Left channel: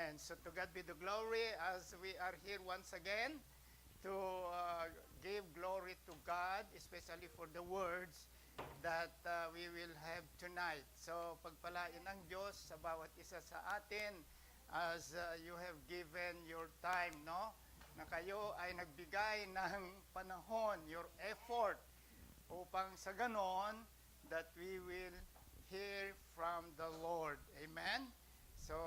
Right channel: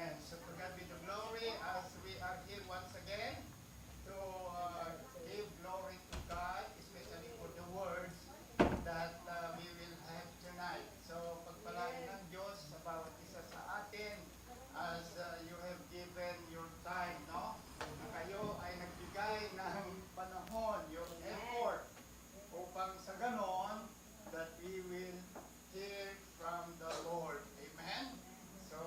Amen. So to God be the glory as we are here once again to give glory to God, especially for the words that we will have tonight. So pagpalain ng Diyos sa bawat isa sa atin as you have given your time, no? Na kayo ay nagbigay ng panahon, your effort, upang sa ganon that we will hear from the Lord. Amen? So,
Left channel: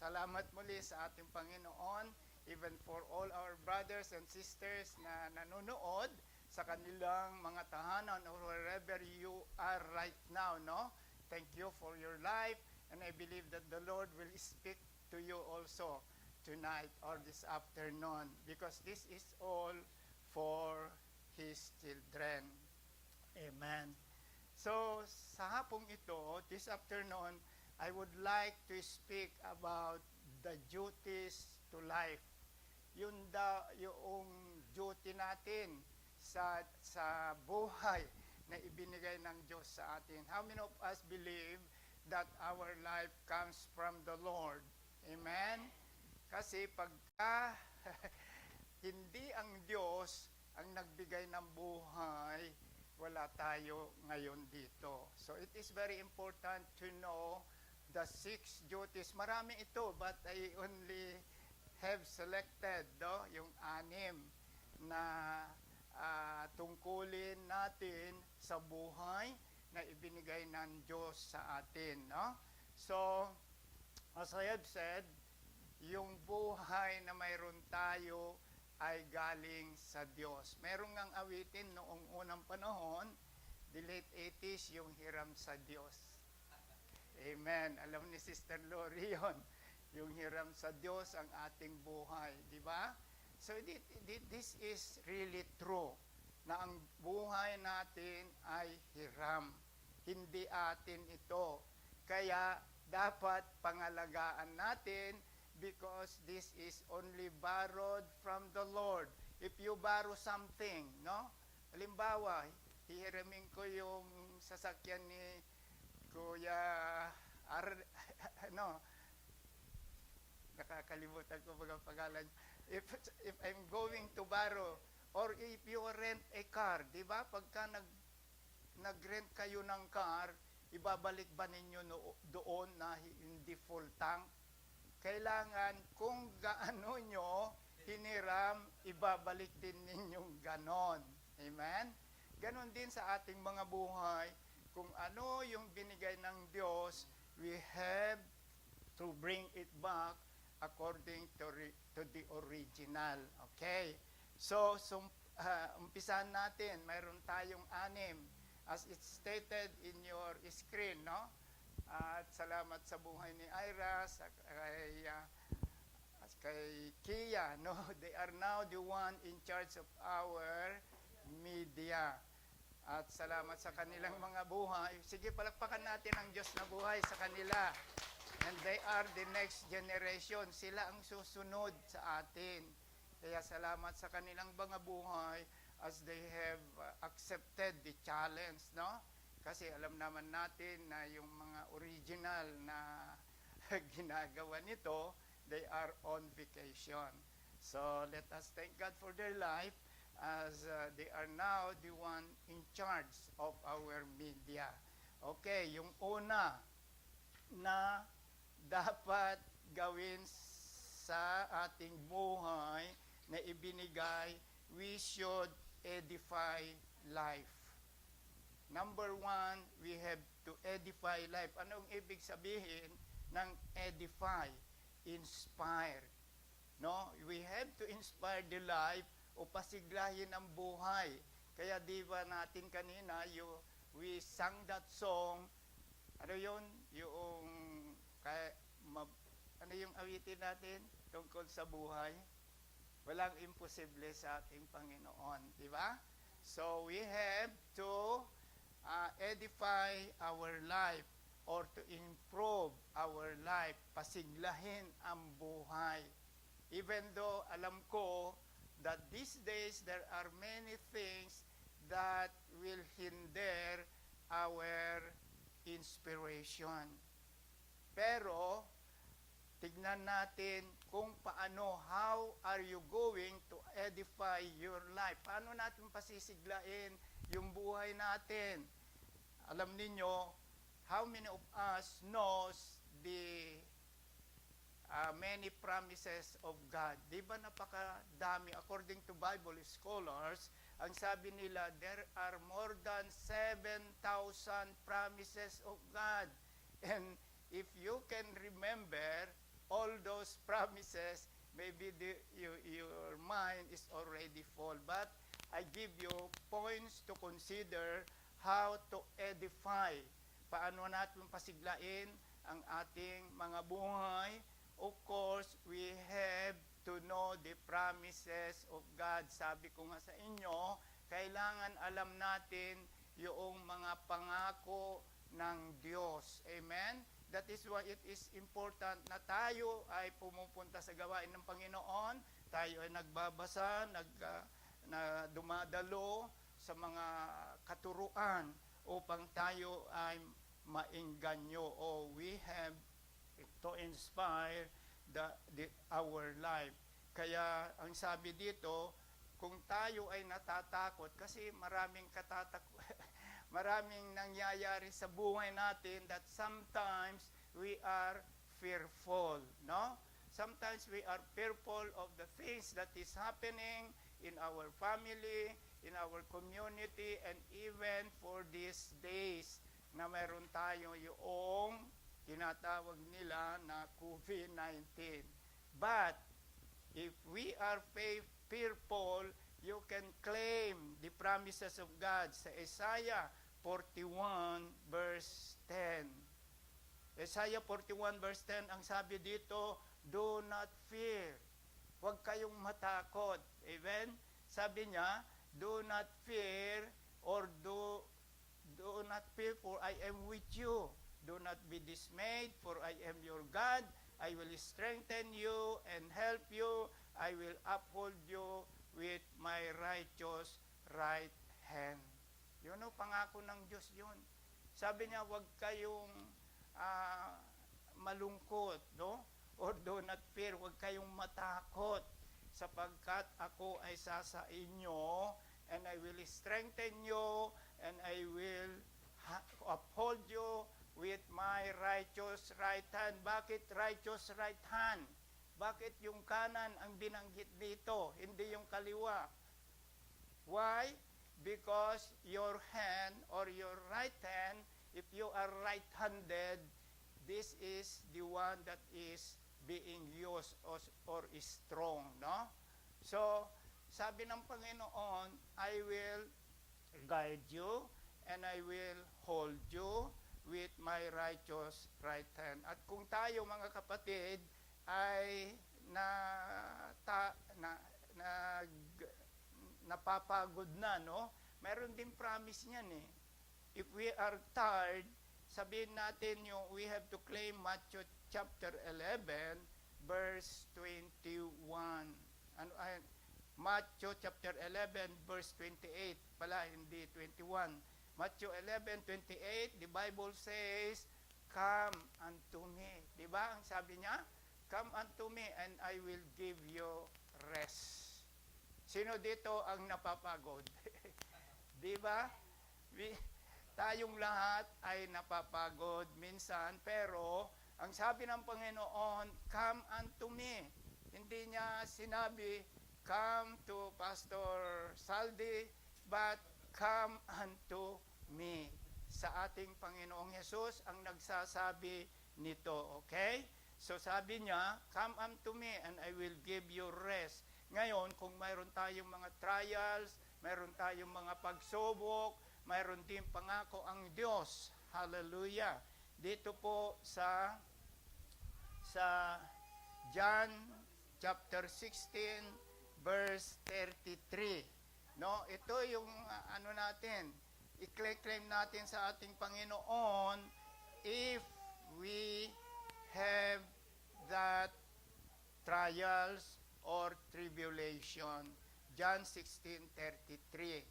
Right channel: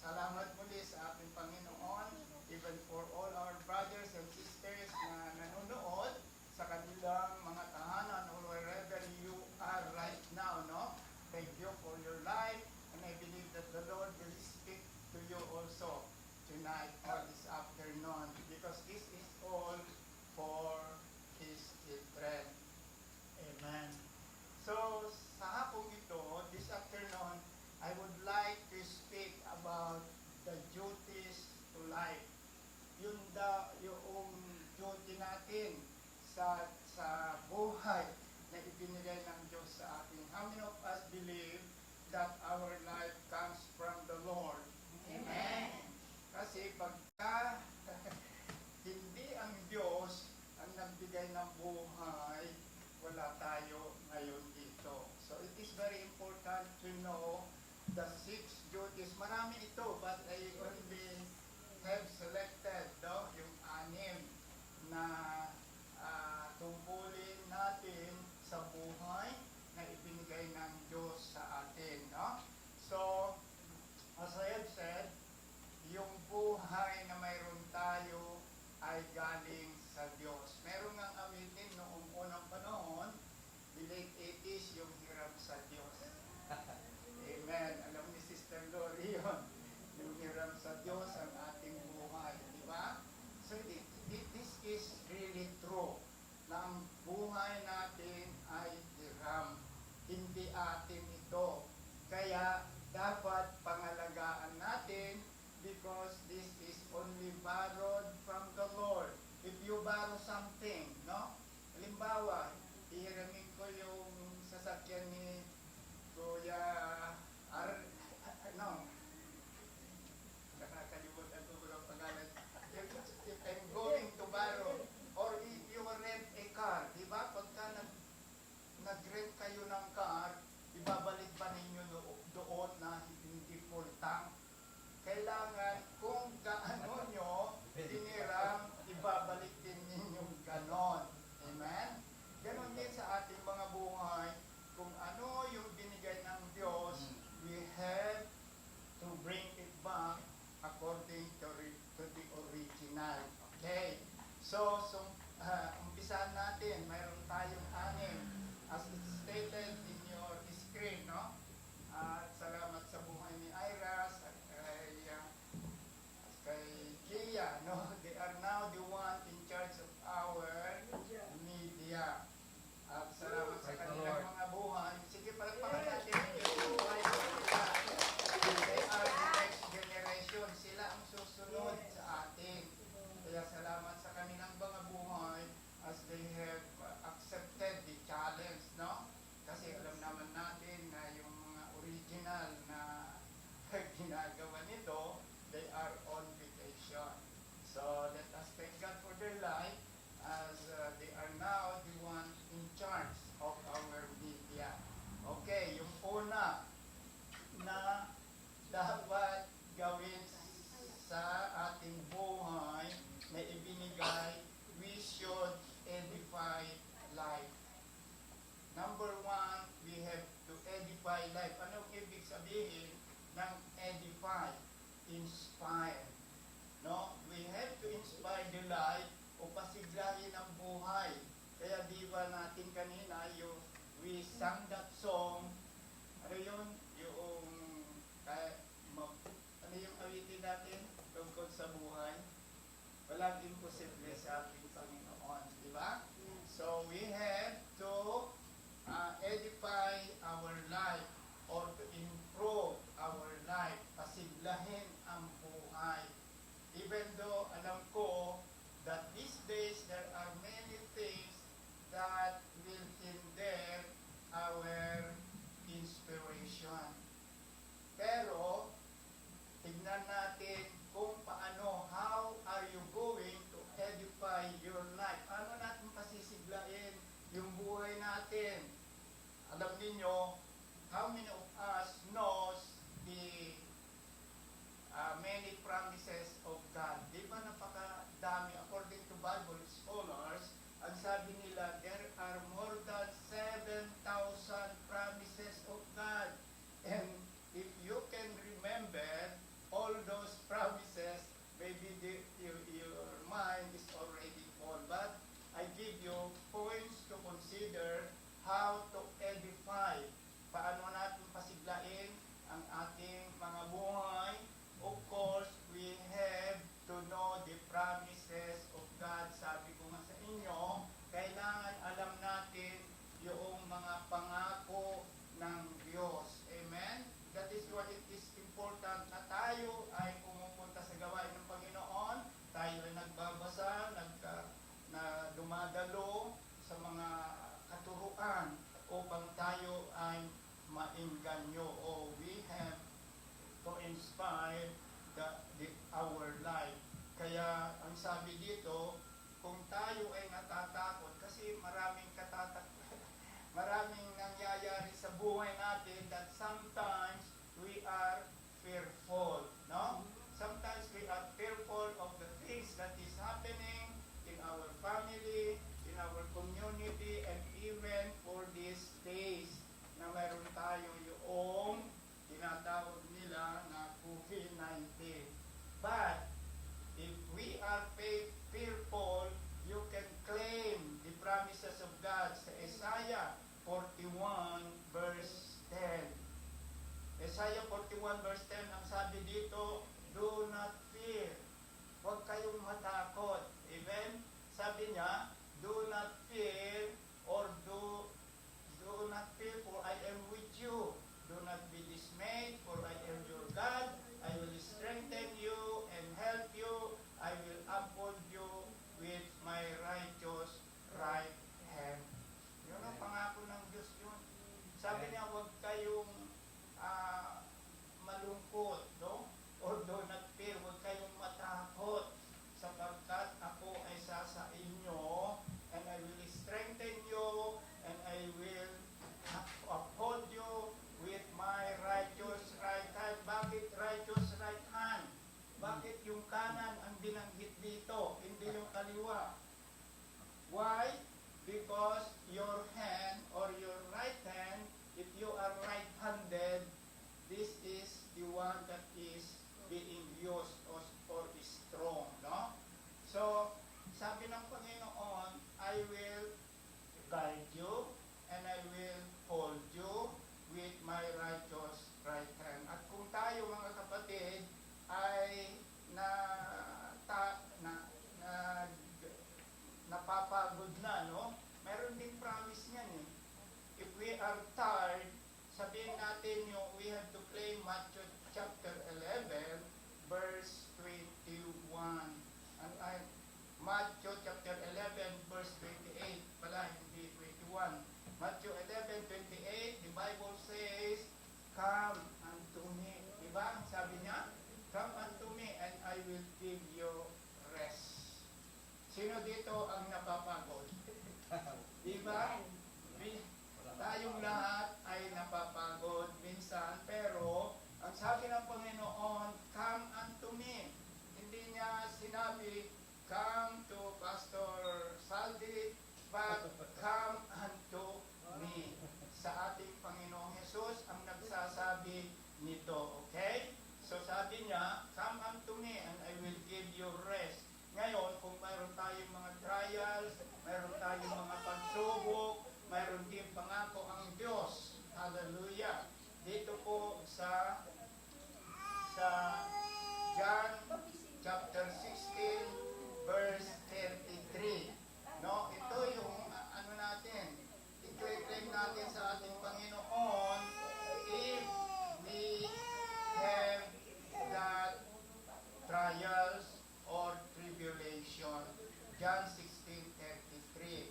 salamat muli sa ating Panginoon, even for all our brothers and sisters na nanonood sa kanilang mga tahanan or wherever you are right now, no? Thank you for your life, and I believe that the Lord will speak to you also tonight or this afternoon, because this is all for His children. Amen. So, sa hapong ito, this afternoon, I would like to speak about the duties to life. Yung duty natin sa buhay na ibinigay ng Diyos sa atin. How many of us believe that our life comes from the Lord? Amen? Kasi pagka hindi ang Diyos ang nagbigay ng buhay, wala tayo ngayon dito. So it is very important to know the 6 duties. Marami ito, but I only have selected yung 6 na tungkulin natin sa buhay na ibinigay ng Diyos sa atin. No? So, as I have said, yung buhay na mayroon tayo ay galing sa Diyos. Meron ng awitin noong unang panahon, the late 80s, yung hiram sa Diyos. Amen. Alam ni Sister Lori yun. Yung hiram sa Diyos ang ating buhay. Di ba? So, this is really true na ang buhay natin ay hiram. Hindi atin ito. Kaya, dapat pangalagaan natin because this is only borrowed from the Lord. If you borrow something, no? Halimbawa, hihiramin ko yung sasakyan ni Kuya nakakalimutan ko bulang pangalan. If I'm going to borrow, or if you rent a car, di ba? Pagka nag-rent kayo ng car, ibabalik ba ninyo doon na hindi full tank? Kailangan kung gaano nyo hiniram, ibabalik din ninyong ganon. Amen? Ganon din sa ating mga buhay. Kung ano yung binigay ng Diyos, we have to bring it back according to the original. Okay? So umpisahan natin. Mayroon tayong 6 as it's stated in your screen, no? At salamat sa buhay ni Ira, kay Kia, no? They are now the one in charge of our media. At salamat sa kanilang mga buhay. Sige, palagpakan natin ang Diyos sa buhay sa kanila. They are the next generation. Sila ang susunod sa atin. Kaya salamat sa kanilang mga buhay as they have accepted the challenge, no? Kasi alam naman natin na yung mga original na ginagawa nito, they are on vacation. So let us thank God for their life as they are now the one in charge of our media. Okay, yung una na dapat gawin sa ating buhay na ibinigay, we should edify life. Number 1, we have to edify life. Anong ibig sabihin ng edify? Inspire. No? We have to inspire the life o pasiglahin ang buhay. Kaya di ba natin kanina, we sang that song, ano yun? Ano yung awitin natin? Tungkol sa buhay. Walang imposible sa ating Panginoon. Di ba? So, we have to edify our life or to improve our life. Pasiglahin ang buhay. Even though alam ko that these days there are many things that will hinder our even for these days na meron tayo yung tinatawag nila na COVID-19. But if we are fearful, you can claim the promises of God sa Isaiah 41 verse 10. Isaiah 41 verse 10, ang sabi dito, do not fear. Huwag kayong matakot. Amen? Sabi niya, do not fear or do not fear for I am with you. Do not be dismayed for I am your God. I will strengthen you and help you. I will uphold you with my righteous right hand. Yun ang pangako ng Diyos yun. Sabi niya, huwag kayong malungkot, no? Or do not fear, huwag kayong matakot sapagkat ako ay sa inyo and I will strengthen you and I will uphold you with my righteous right hand. Bakit righteous right hand? Bakit yung kanan ang binanggit dito, hindi yung kaliwa? Why? Because your hand or your right hand, if you are right-handed, this is the one that is being used or is strong, no? So, sabi ng Panginoon, I will guide you and I will hold you with my righteous right hand. At kung tayo mga kapatid ay napapagod na, no? Meron ding promise niyan eh. If we are tired, sabihin natin yung we have to claim Matthew chapter 11 verse 21. Matthew chapter 11 verse 28 pala, hindi 21. Matthew 11:28, the Bible says, come unto me. Diba ang sabi niya? Come unto me and I will give you rest. Sino dito ang napapagod? Diba? Tayong lahat ay napapagod minsan, pero ang sabi ng Panginoon, come unto me. Hindi niya sinabi, come to Pastor Saldi, but come unto me. Sa ating Panginoong Jesus ang nagsasabi nito, okay? So sabi niya, come unto me and I will give you rest. Ngayon, kung mayroon tayong mga trials, mayroon tayong mga pagsubok, mayroon din pangako ang Diyos. Hallelujah. Dito po sa John chapter 16 verse 33. No, ito yung natin. I-claim natin sa ating Panginoon if we have that trials or tribulation. John 16:33.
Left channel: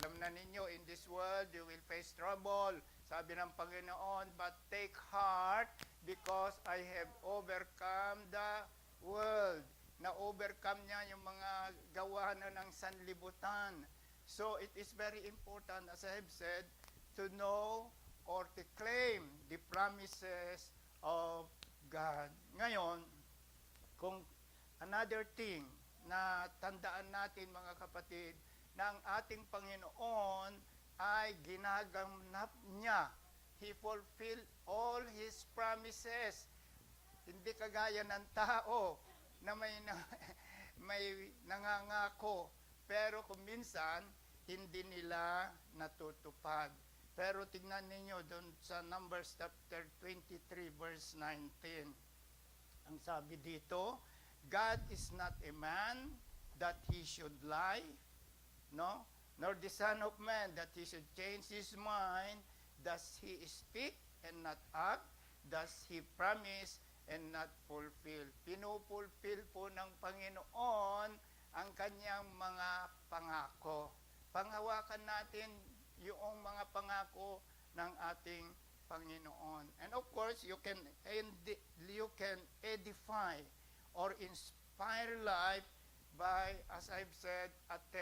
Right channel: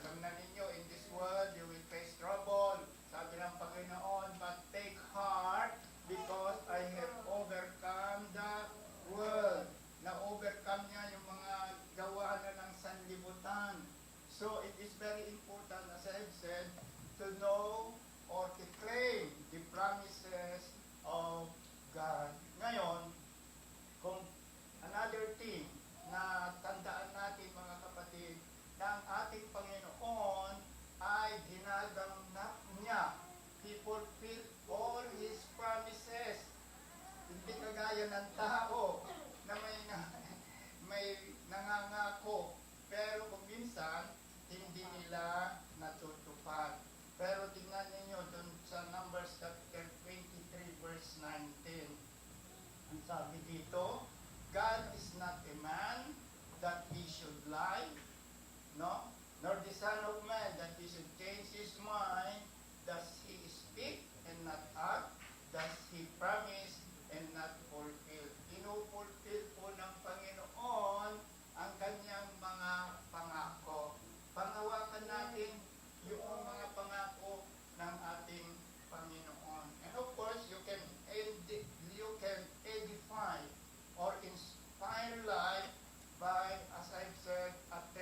Alam na ninyo, in this world you will face trouble. Sabi ng Panginoon, but take heart because I have overcome the world. Na-overcome niya yung mga gawa na ng sanlibutan. So it is very important, as I have said, to know or to claim the promises of God. Ngayon, kung another thing na tandaan natin mga kapatid, na ang ating Panginoon ay ginaganap niya. He fulfill all His promises. Hindi kagaya ng tao na may nangangako, pero kung minsan, hindi nila natutupad. Pero tignan ninyo dun sa Numbers chapter 23 verse 19. Ang sabi dito, God is not a man that He should lie, no? Nor the Son of Man that He should change His mind. Does He speak and not act? Does He promise and not fulfill? Pinupulfill po ng Panginoon ang Kanyang mga pangako. Panghawakan natin yung mga pangako ng ating Panginoon. And of course, you can edify or inspire life by, as I've said, attending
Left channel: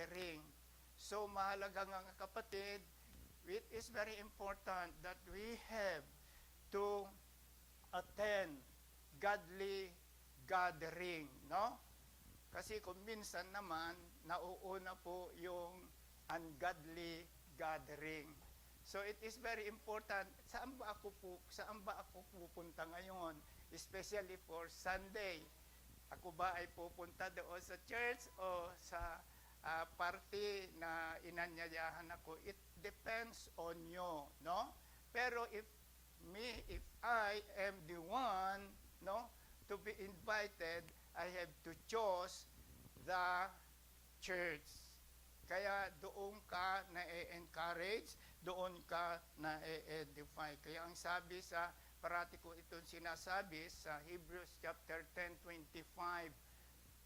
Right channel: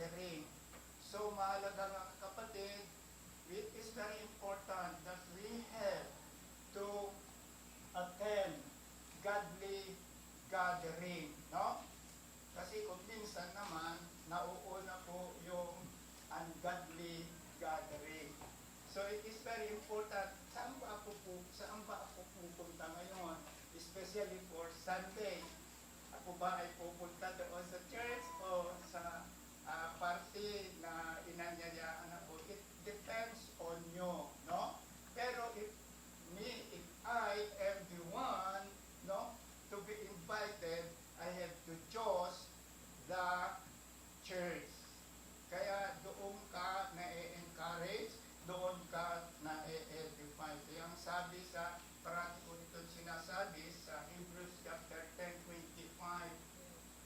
gathering. So mahalaga mga kapatid, it is very important that we have to attend godly gathering, no? Kasi kung minsan naman, nauuna po yung ungodly gathering. So it is very important, saan ba ako pupunta ngayon? Especially for Sunday. Ako ba ay pupunta doon sa church o sa party na inanyayahan ako? It depends on you, no? Pero if I am the one, no, to be invited, I have to choose the church. Kaya doon ka na-encourage, doon ka na-edify. Kaya ang sabi sa, parati ko ito sinasabi sa Hebrews chapter 10:25.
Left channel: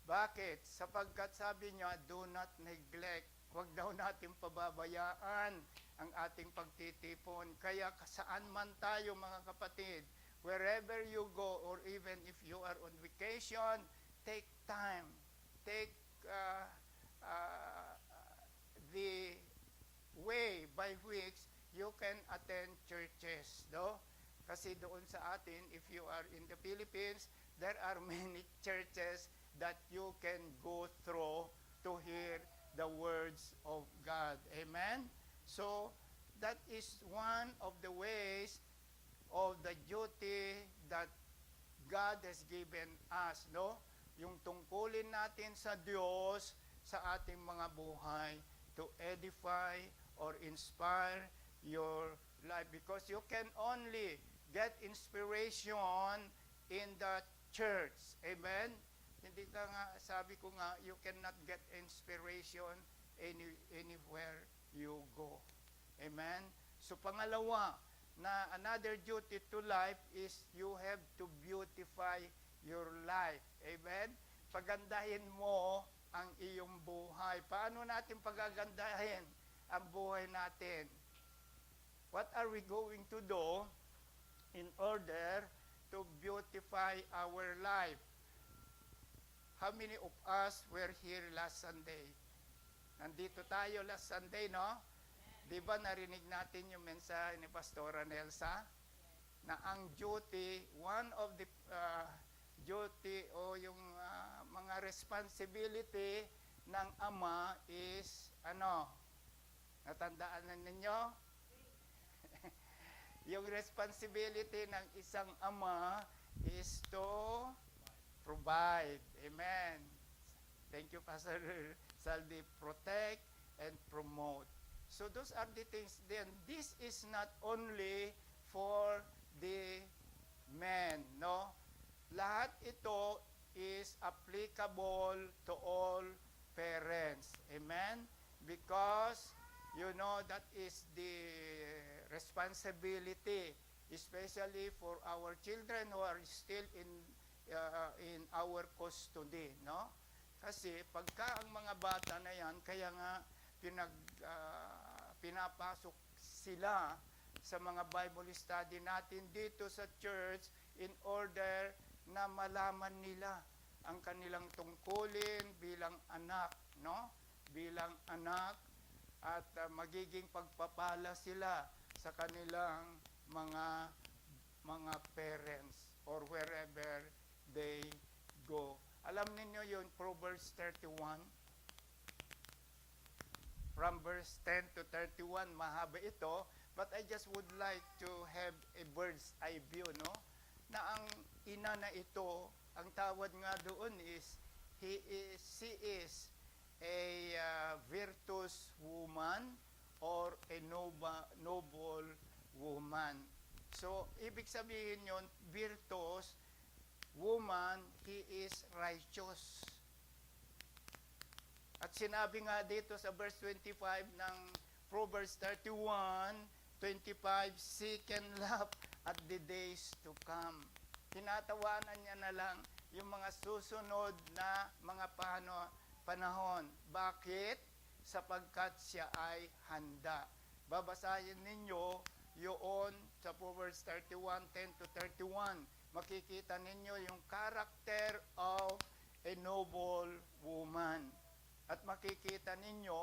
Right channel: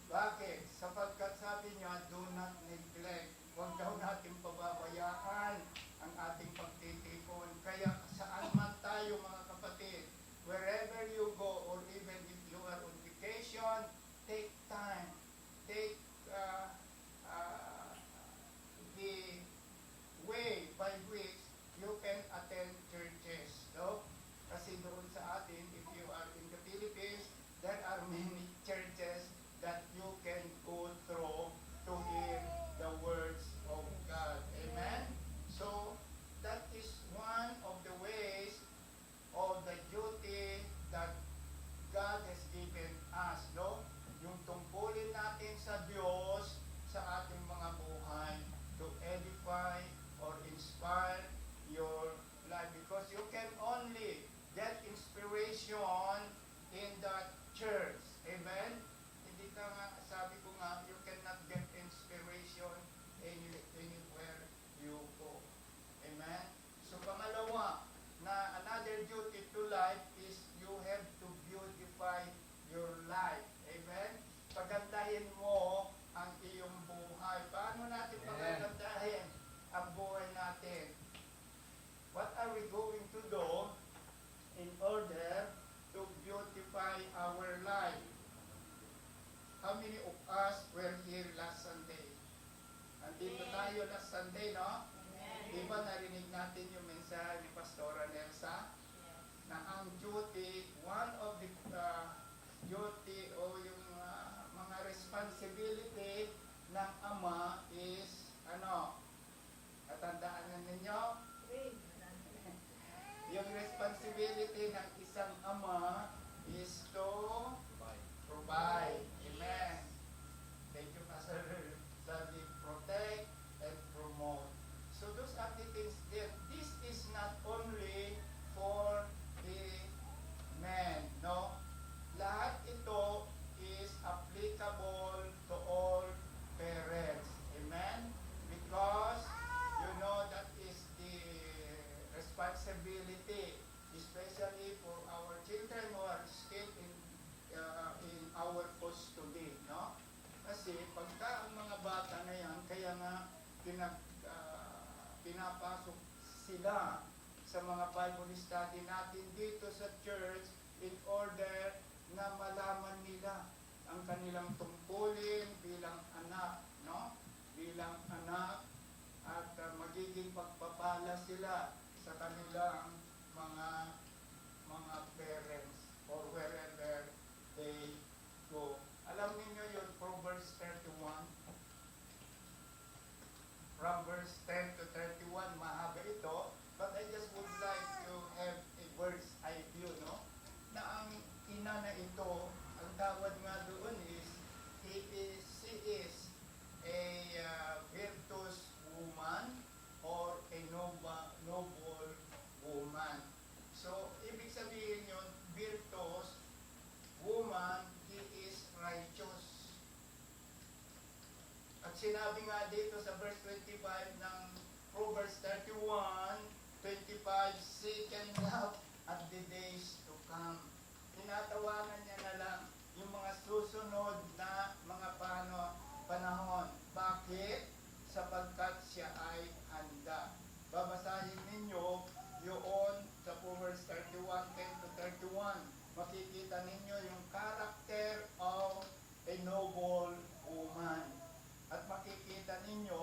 Bakit? Sapagkat sabi niya, do not neglect. Huwag daw natin pababayaan ang ating pagtitipon. Kaya saan man tayo mga kapatid, wherever you go or even if you are on vacation, take time. Take the way by which you can attend churches. No? Kasi doon sa atin, if you are in the Philippines, there are many churches that you can go through to hear the words of God. Amen? So, that is one of the ways of the duty that God has given us, no? Yung tungkulin natin sa Diyos sa ating mga buhay to edify or inspire your life, because you can only get inspiration in the church. Amen? Hindi ka nga, sabi ko nga, you cannot get inspiration anywhere you go. Amen? So pangalawa, na another duty to life is you have to beautify your life. Amen? Pagandahin mo ang iyong buhay. Paano natin pagandahin ang buhay natin? What are we going to do in order to beautify our life? How many of us were here last Sunday? Andito tayo last Sunday, no? Diba narinig natin yung mensahe ni Pastora Elsa? Na ang duty, one of the duty o yung mga responsibility ng ama is, ano? Natandaan na ninyo? Yung responsibility ng isang ama is to provide. Amen. Thank you, Pastor Salvi. Protect and promote. So those are the things then. This is not only for the men, no? Lahat ito is applicable to all parents. Amen? Because you know that is the responsibility, especially for our children who are still in our custody, no? Kasi pagka ang mga bata na yan, kaya nga pinapasok sila sa mga Bible study natin dito sa church in order na malaman nila ang kanilang tungkulin bilang anak, no? Bilang anak, at magiging pagpapala sila sa kanilang mga parents or wherever they go. Alam niyo yun, Proverbs 31. From verse 10 to 31, mahaba ito, but I just would like to have a bird's eye view, no? Na ang ina na ito, ang tawag nga doon is, she is a virtuous woman or a noble woman. So, ibig sabihin yun, virtuous woman, he is righteous. At sinabi nga dito sa verse 25 ng Proverbs 31:25, seek and love at the days to come. Tinatawanan niya na lang yung mga susunod na mga panahon. Bakit? Sapagkat siya ay handa. Babasahin ninyo yun sa Proverbs 31:10 to 31. Makikita ninyo yung character of a noble woman. At makikita ninyo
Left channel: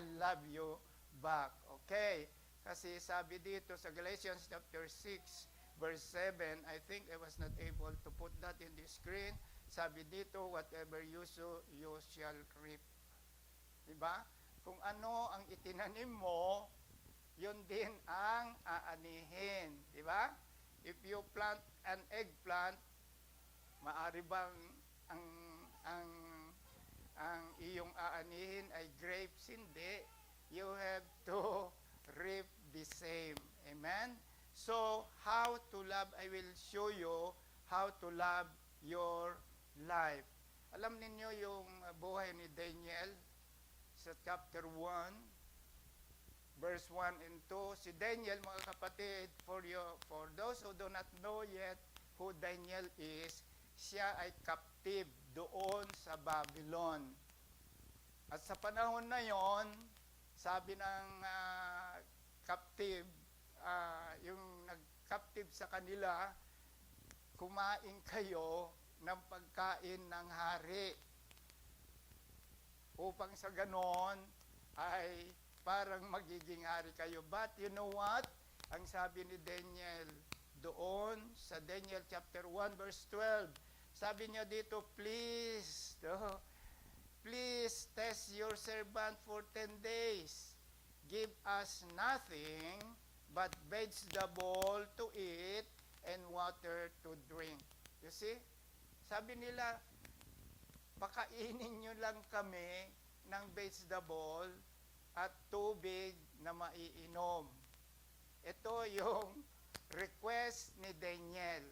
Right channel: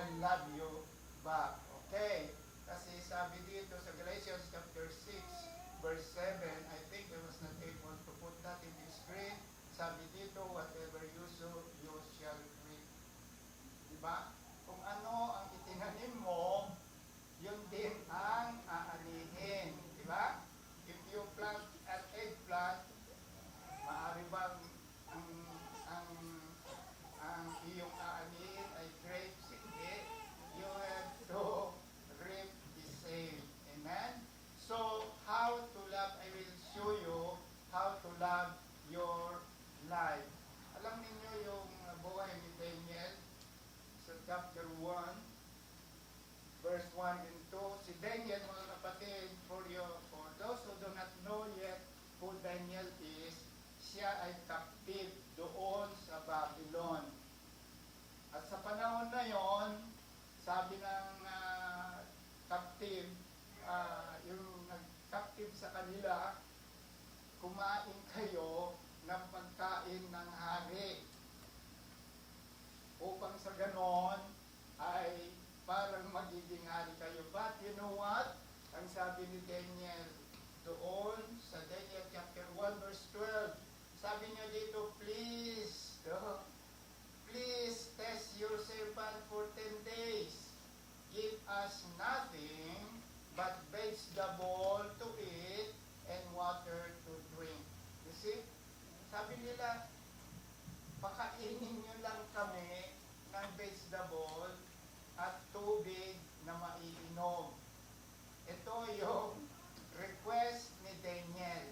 will love you back. Okay? Kasi sabi dito sa Galatians chapter 6, verse 7, I think I was not able to put that in the screen. Sabi dito, whatever you sow, you shall reap. Diba? Kung ano ang itinanim mo, yun din ang aanihin. Diba? If you plant an eggplant, maaari bang ang ang ang iyong aanihin ay grapes? Hindi. You have to reap the same. Amen? So, how to love, I will show you how to love your life. Alam ninyo yung buhay ni Daniel sa chapter 1, verse 1 and 2. Si Daniel, mga kapatid, for those who do not know yet who Daniel is, siya ay captive doon sa Babylon. At sa panahon na yon, sabi ng captive, yung nag-captive sa kanila, kumain kayo ng pagkain ng hari. Upang sa ganon ay parang magiging hari kayo. But you know what? Ang sabi ni Daniel doon sa Daniel chapter 1 verse 12, sabi niya dito, please test your servant for 10 days. Give us nothing but vegetable to eat and water to drink. You see? Sabi nila, pakainin nyo lang kami ng vegetable at tubig na maiinom. Ito yung request ni Daniel.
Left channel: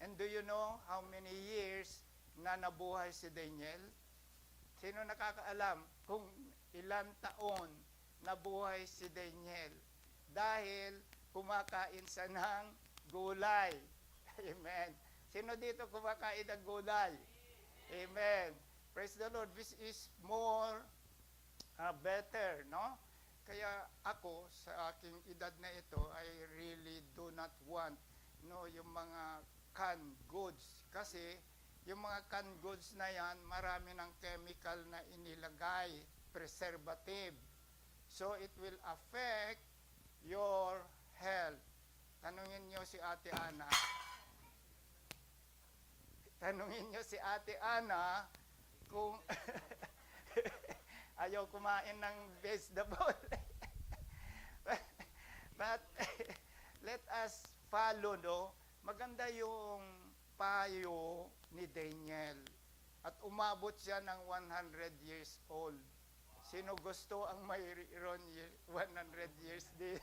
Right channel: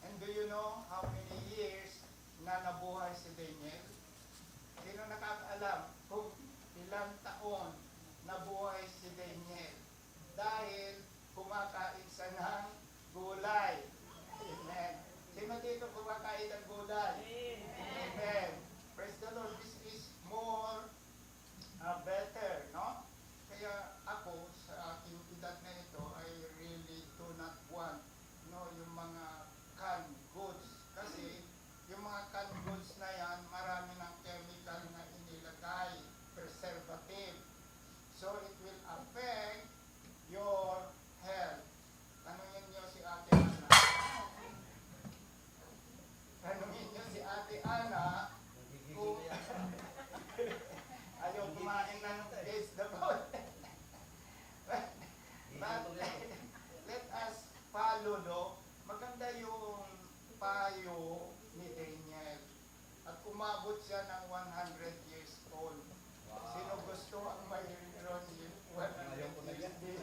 And do you know how many years na nabuhay si Daniel? Sino nakakaalam kung ilang taon nabuhay si Daniel? Dahil kumakain siya ng gulay. Amen. Sino dito kumakain ng gulay? Amen. Praise the Lord. This is more better, no? Kaya ako, sa aking edad na ito, I really do not want, no, yung mga canned goods. Kasi, yung mga canned goods na yan, marami ng chemical na inilagay, preservative. So, it will affect your health. Tanungin nyo si Ate Ana. Tanungin nyo si Ate Ana kung ayaw kumain ng vegetable. But let us follow, no? Maganda yung payo ni Daniel. At umabot siya ng 100 years old. Sino gusto ang mayroon 100 years din?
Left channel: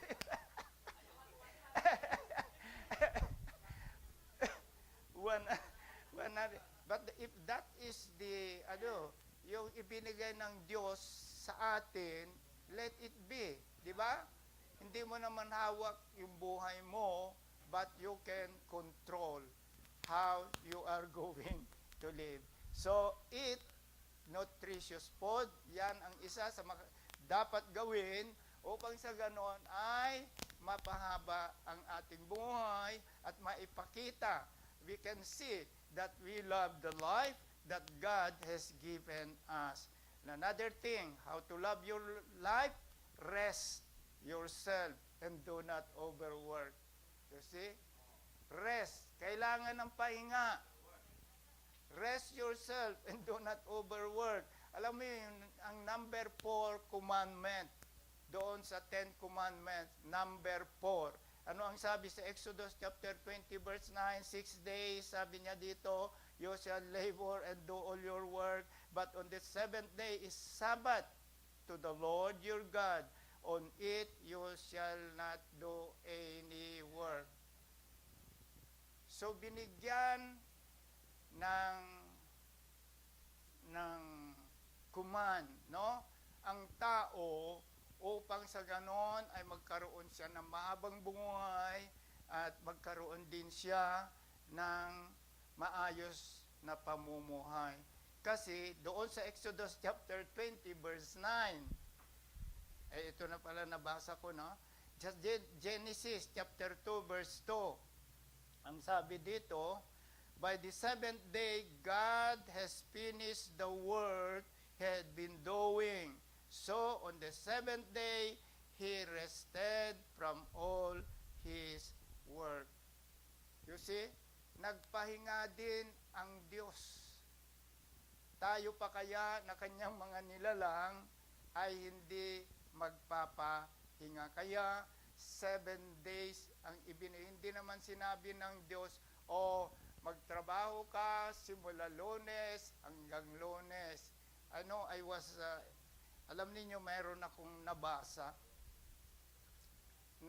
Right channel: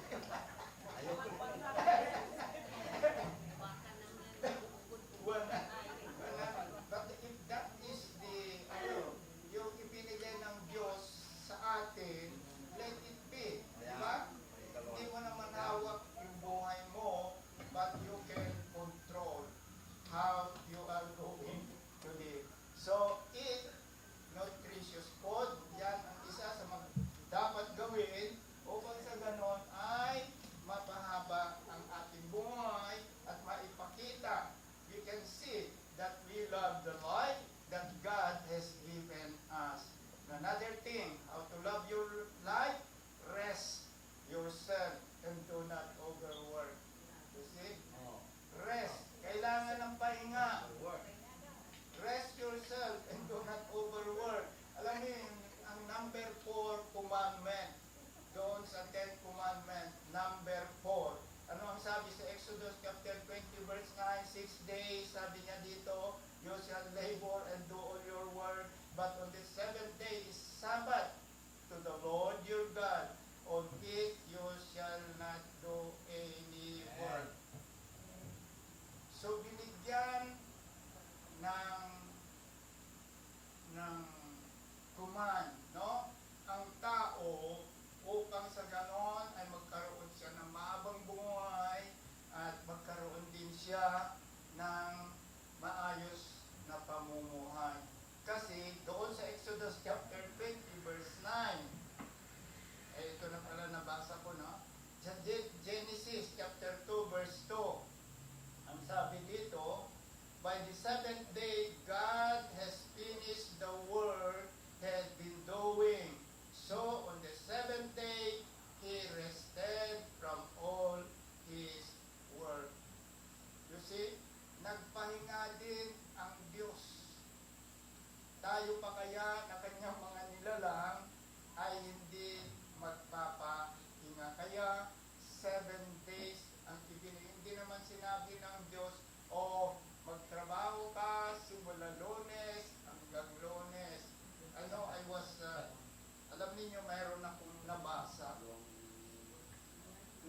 alam ninyo, mayroon akong nabasa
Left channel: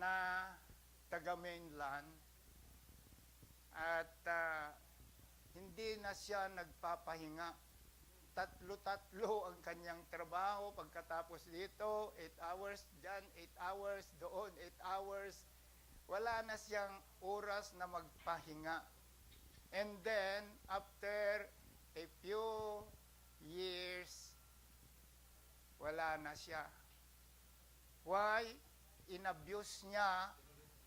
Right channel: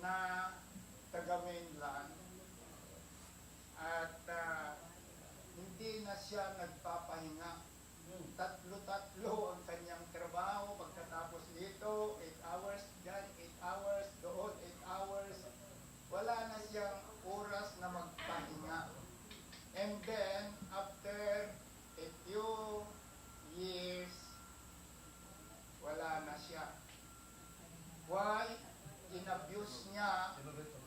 na taga mainland at hindi na siya nagpapahinga. Tatlo-tatlo ang kanyang trabaho. Pagkatapos dito, 8 hours dyan, 8 hours doon, 8 hours. Wala na siyang oras na magpahinga. And then, after a few years, wala na siya. Why? Inabuse niya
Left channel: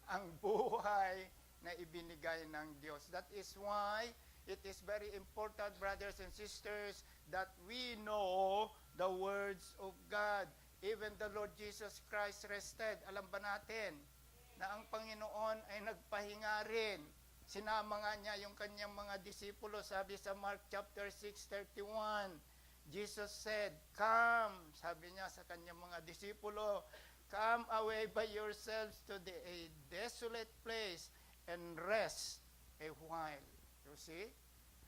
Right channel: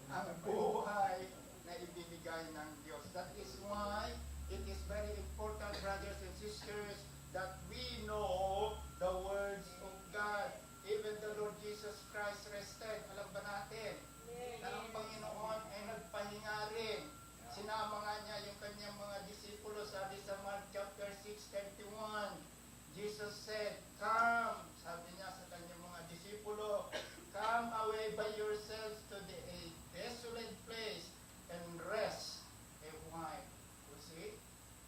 ang buhay na ibinigay ng Diyos. That is why it is very important, brothers and sisters, that we know the words of God. Even the Lord Jesus Christ rested. Alam ba natin na ang Panginoon ay nagpahinga rin? Sinama nga niya yung kanyang mga disipulo. Sabi sa Mark chapter 6:31, Jesus said, "Come," sabi niya sa kanyang mga disipulo, "come away by yourselves to a desolate place and rest a while." You see?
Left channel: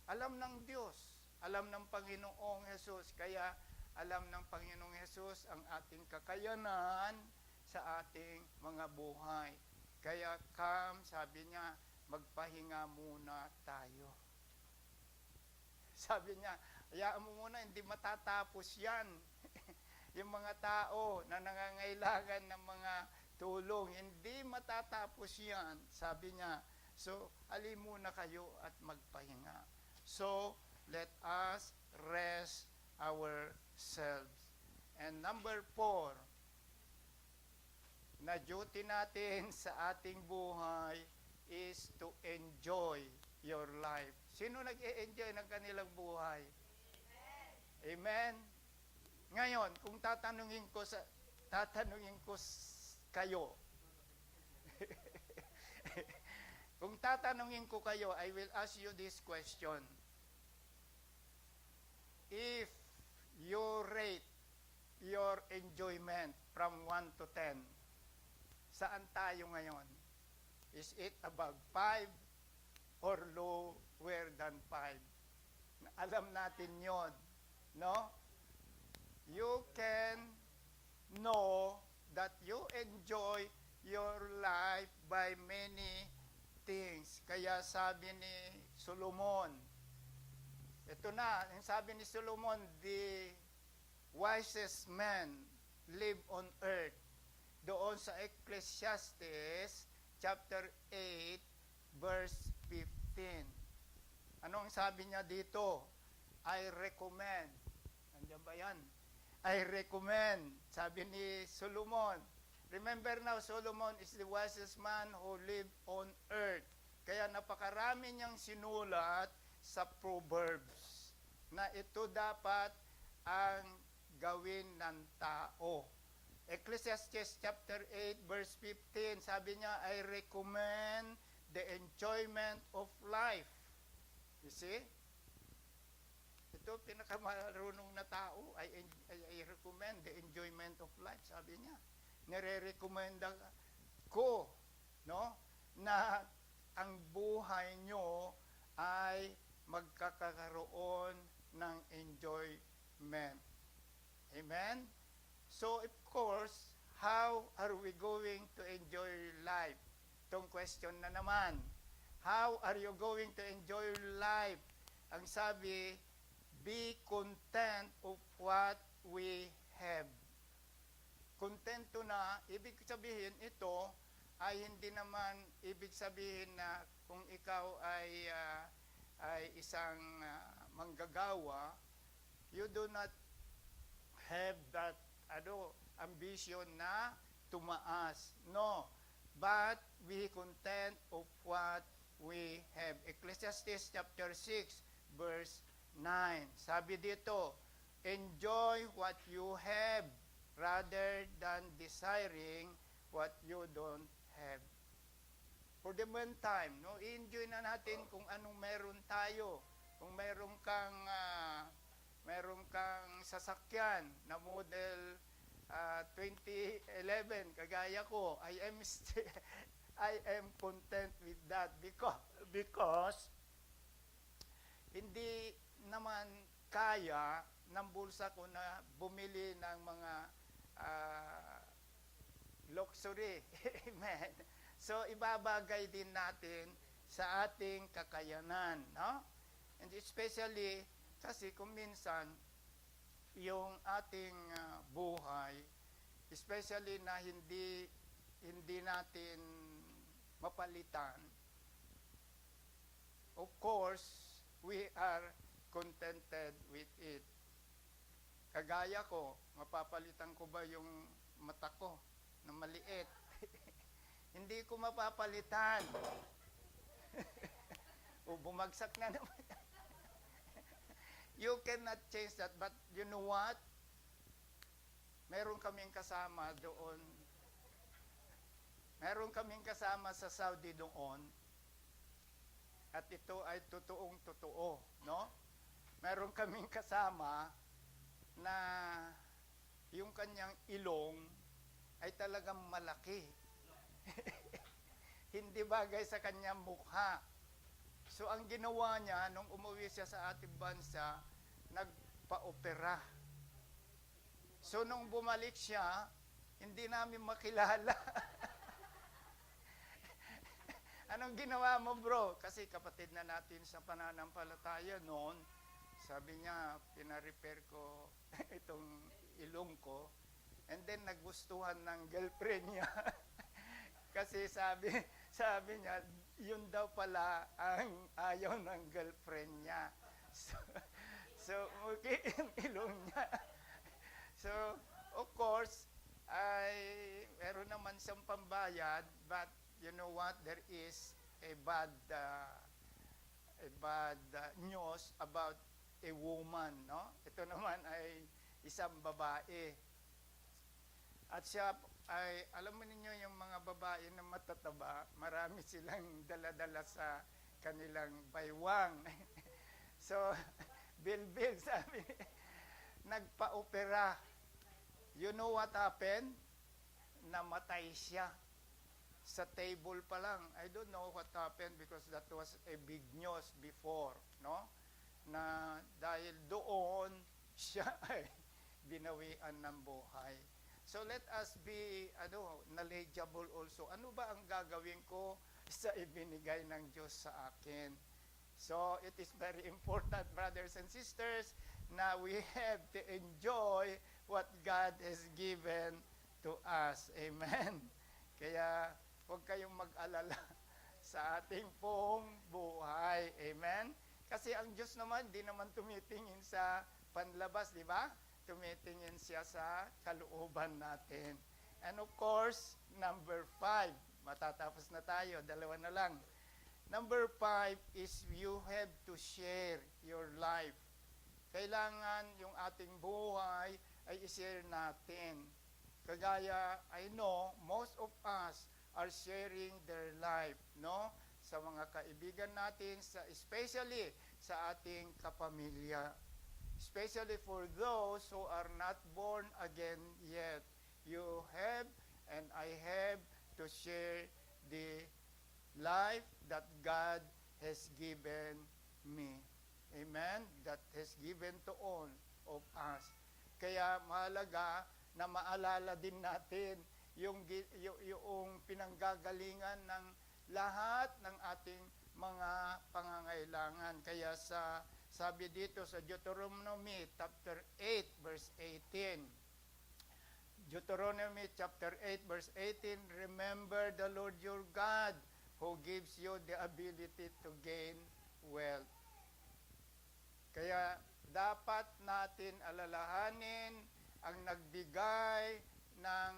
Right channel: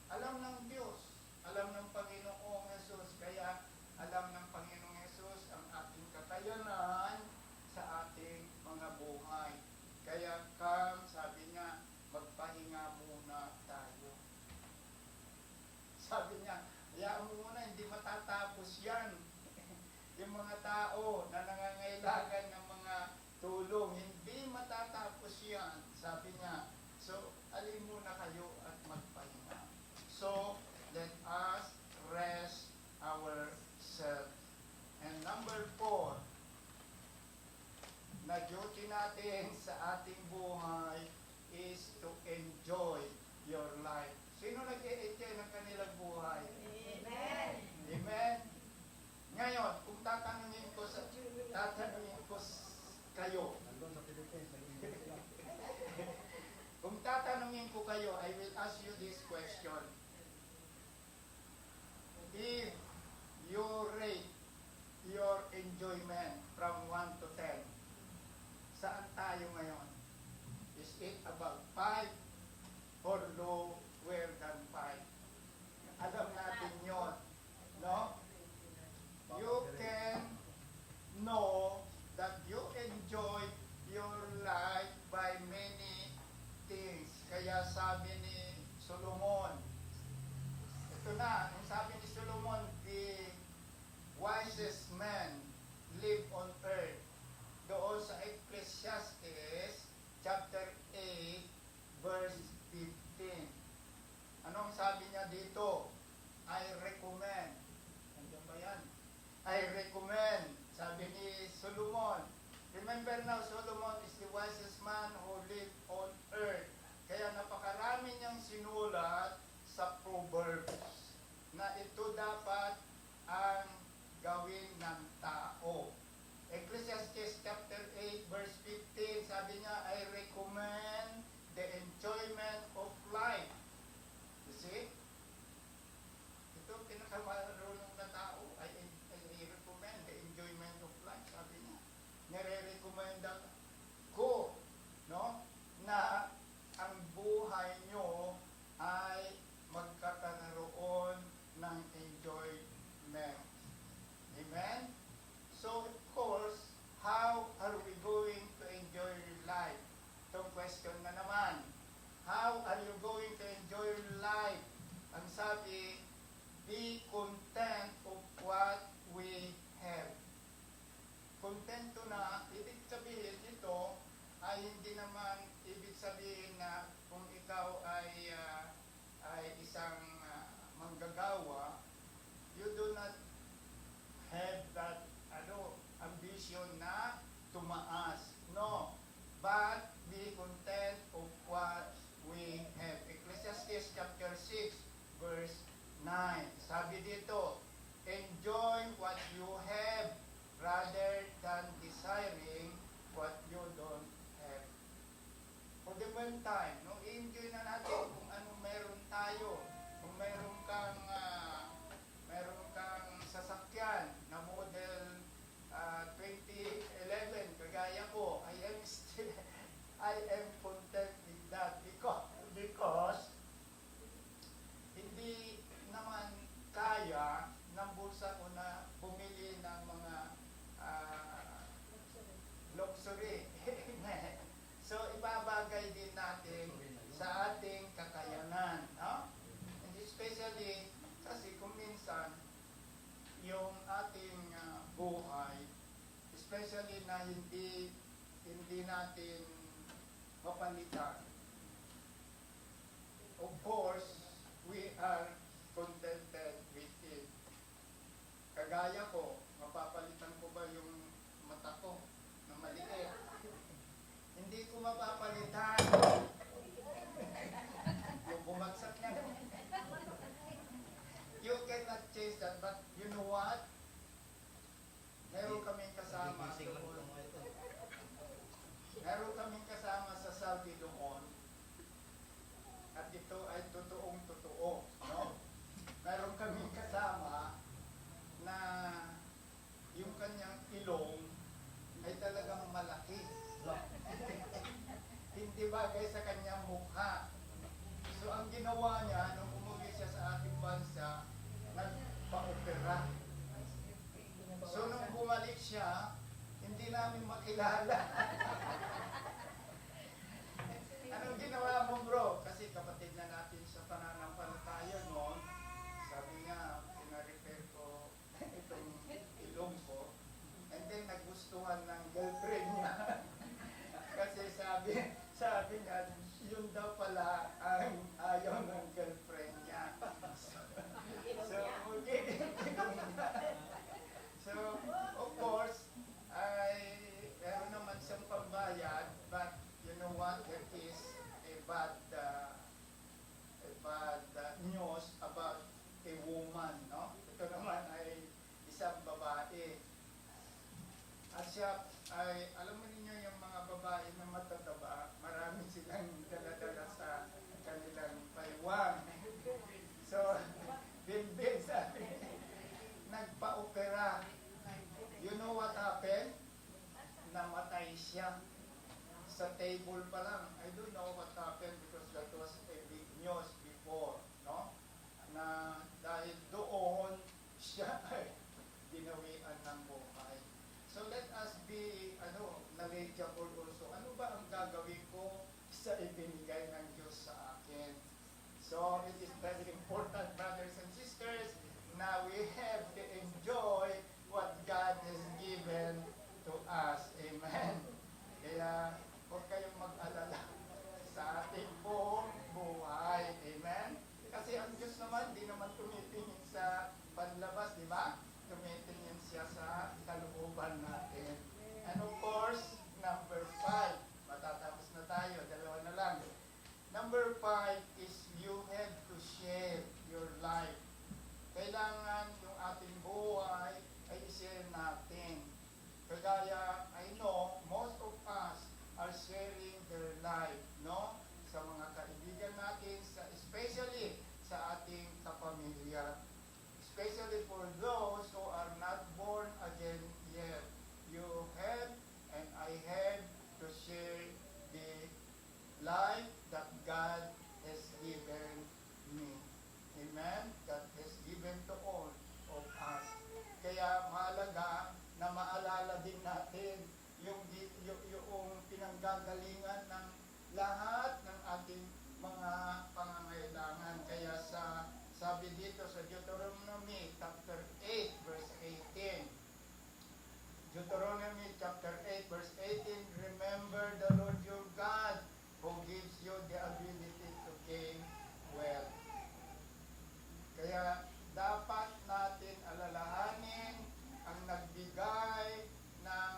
Alam ng Diyos, alam ng Panginoong Hesus, kaya alam ng Panginoong Hesus ang ating kakayanan sa ating mga buhay. Kaya come, sabi niya, magpahinga muna tayo. Sabi niya, hayaan mo muna, hindi matatapos yan. Yung mga tao na nangangailangan ng mga tulong, hindi matatapos yan. Sabi niya, so alin muna kayo at magpahinga. So, let us rest ourselves. And number 4, na duty natin sa ating buhay is to enjoy your life. Sino nag-e-enjoy ng kanilang buhay? Amen. Amen? Ngayon, kung tatanungin ko kayo, kung tatanungin ko kayo, I will ask you this question. If you rate your enjoyment from 1 to 10, saan tayo ngayon? Is it above 5 or lower than 5? Alam natin yon, no? You can know that you enjoy your life by many things. Kaya sabi ni Solomon, ito na, ang sabi ni Solomon, the wisest man live on earth. Doon sa Ecclesiastes chapter 8 verse 15. Anong sabi niya dito? I recommend. Andiyan ba yan? I recommend. Sabi ni Solomon. Remember now, Solomon is the wisest man who lived on earth. Kaya napakarami niyang sinulat sa Proverbs na ito dapat ang gawin ng tao. Ecclesiastes chapter 8 verse 15, sabi niya, I recommend the enjoyment of life. You see? Ito, pinakamarunong na tao, I recommend the enjoyment of life. Sabi niya, nire-recommenda ko, no, na ang buhay nyo ay magkakaroon ng enjoyment. Amen? So, of course, how are we going to enjoy life? Itong question na naman. How are you going to enjoy life? Ang sabi, be content of what we have. Kontento na, ibig sabihin ito ay hindi naman ibig sabihin na kung ikaw ay isang manggagawa, you do not have that ambition na tumaas. No. But be content of what we have. Ecclesiastes chapter 6 verse 9. Sabi dito, enjoy what you have rather than desiring what you don't have. For the meantime, no, i-enjoy na natin kung anong meron tayo. Kung meron kang sasakyan na model 2011, kagaya ko, I am content with that because hindi naman kaya ng bulsa ko na bumili ng mga natin sa ating kakayanan, no? And especially, kasi kung minsan, yung ating buhay, especially na hindi natin mapalitan. Of course, we are contented with it. Kagaya ko, mapapalitan ko ba yung mata ko na maliit? Hindi ko mapapalitan. Yung bumagsak na naman. You cannot change that, but you know what? Meron kaming kasama doon. Meron kaming kasama sa Saudi doon. At ito ay totoong totoo, no? Meron kaming kasama na yung kanyang ilong ay talagang malaki. Hindi bagay sa kanyang mukha. So ang ginawa niya, nung umuwi siya sa ating bansa, nagpa-opera. So nung bumalik siya, hindi namin makilala. Anong ginawa mo, bro? Kasi kapatid na natin sa pananampalataya noon. Sabi niya, pina-repair ko itong ilong ko. And then nagustuhan ng girlfriend niya. Kasi sabi niya, yun daw pala ang ayaw ng girlfriend niya. So okay, ilong niya. So, of course, meron naman siyang pambayad, but you know what? There is a bad news about a woman, no? Ito naman ay isang babae. At siya ay, alam mo ninyo yung mga babae na matataba, marami silang dala-dala sa kanilang paywang. So, Bilbil sabi, nagpa-opera. You know what happened? Namatay siya. Sa table pa lang. I don't know what happened because that was a big news before, no? Na dahil doon, siya ay binawian ng buhay. So let us be, knowledgeable also. Ano ba ang gagawin ko sa ibinigay ng Diyos sa akin? So it is very important, brothers and sisters, na we have to enjoy what God has given to us. Amen. Kaya huwag kayong mag-alala sa ating buong buhay. Amen. Kasi ang Diyos naman, di naman tumitingin sa panlabas, di ba? Tumitingin siya sa kalooban natin. And of course, number 5. Matatapos na tayo. Dalawa na lang. Number 5 is you have to share your life. Kailangan yung ating buhay ay i-share natin. Kagaya, I know, most of us are sharing their life, no? Sa mga kaibigan natin, especially sa ating kapamilya. Especially for those who are not born again yet. You have and I have to share the life that God has given me. Amen? That has given to all of us. Kaya mahalaga na maalala din natin yung pinanggagalingan ng lahat ng ating mga pangangailangan. Kaya sabi dito sa Deuteronomy chapter 8 verse 18. Deuteronomy chapter 8 verse 18, remember the Lord your God who gives you the ability to gain wealth. Kaya dapat natin alalahanin ang nagbigay ng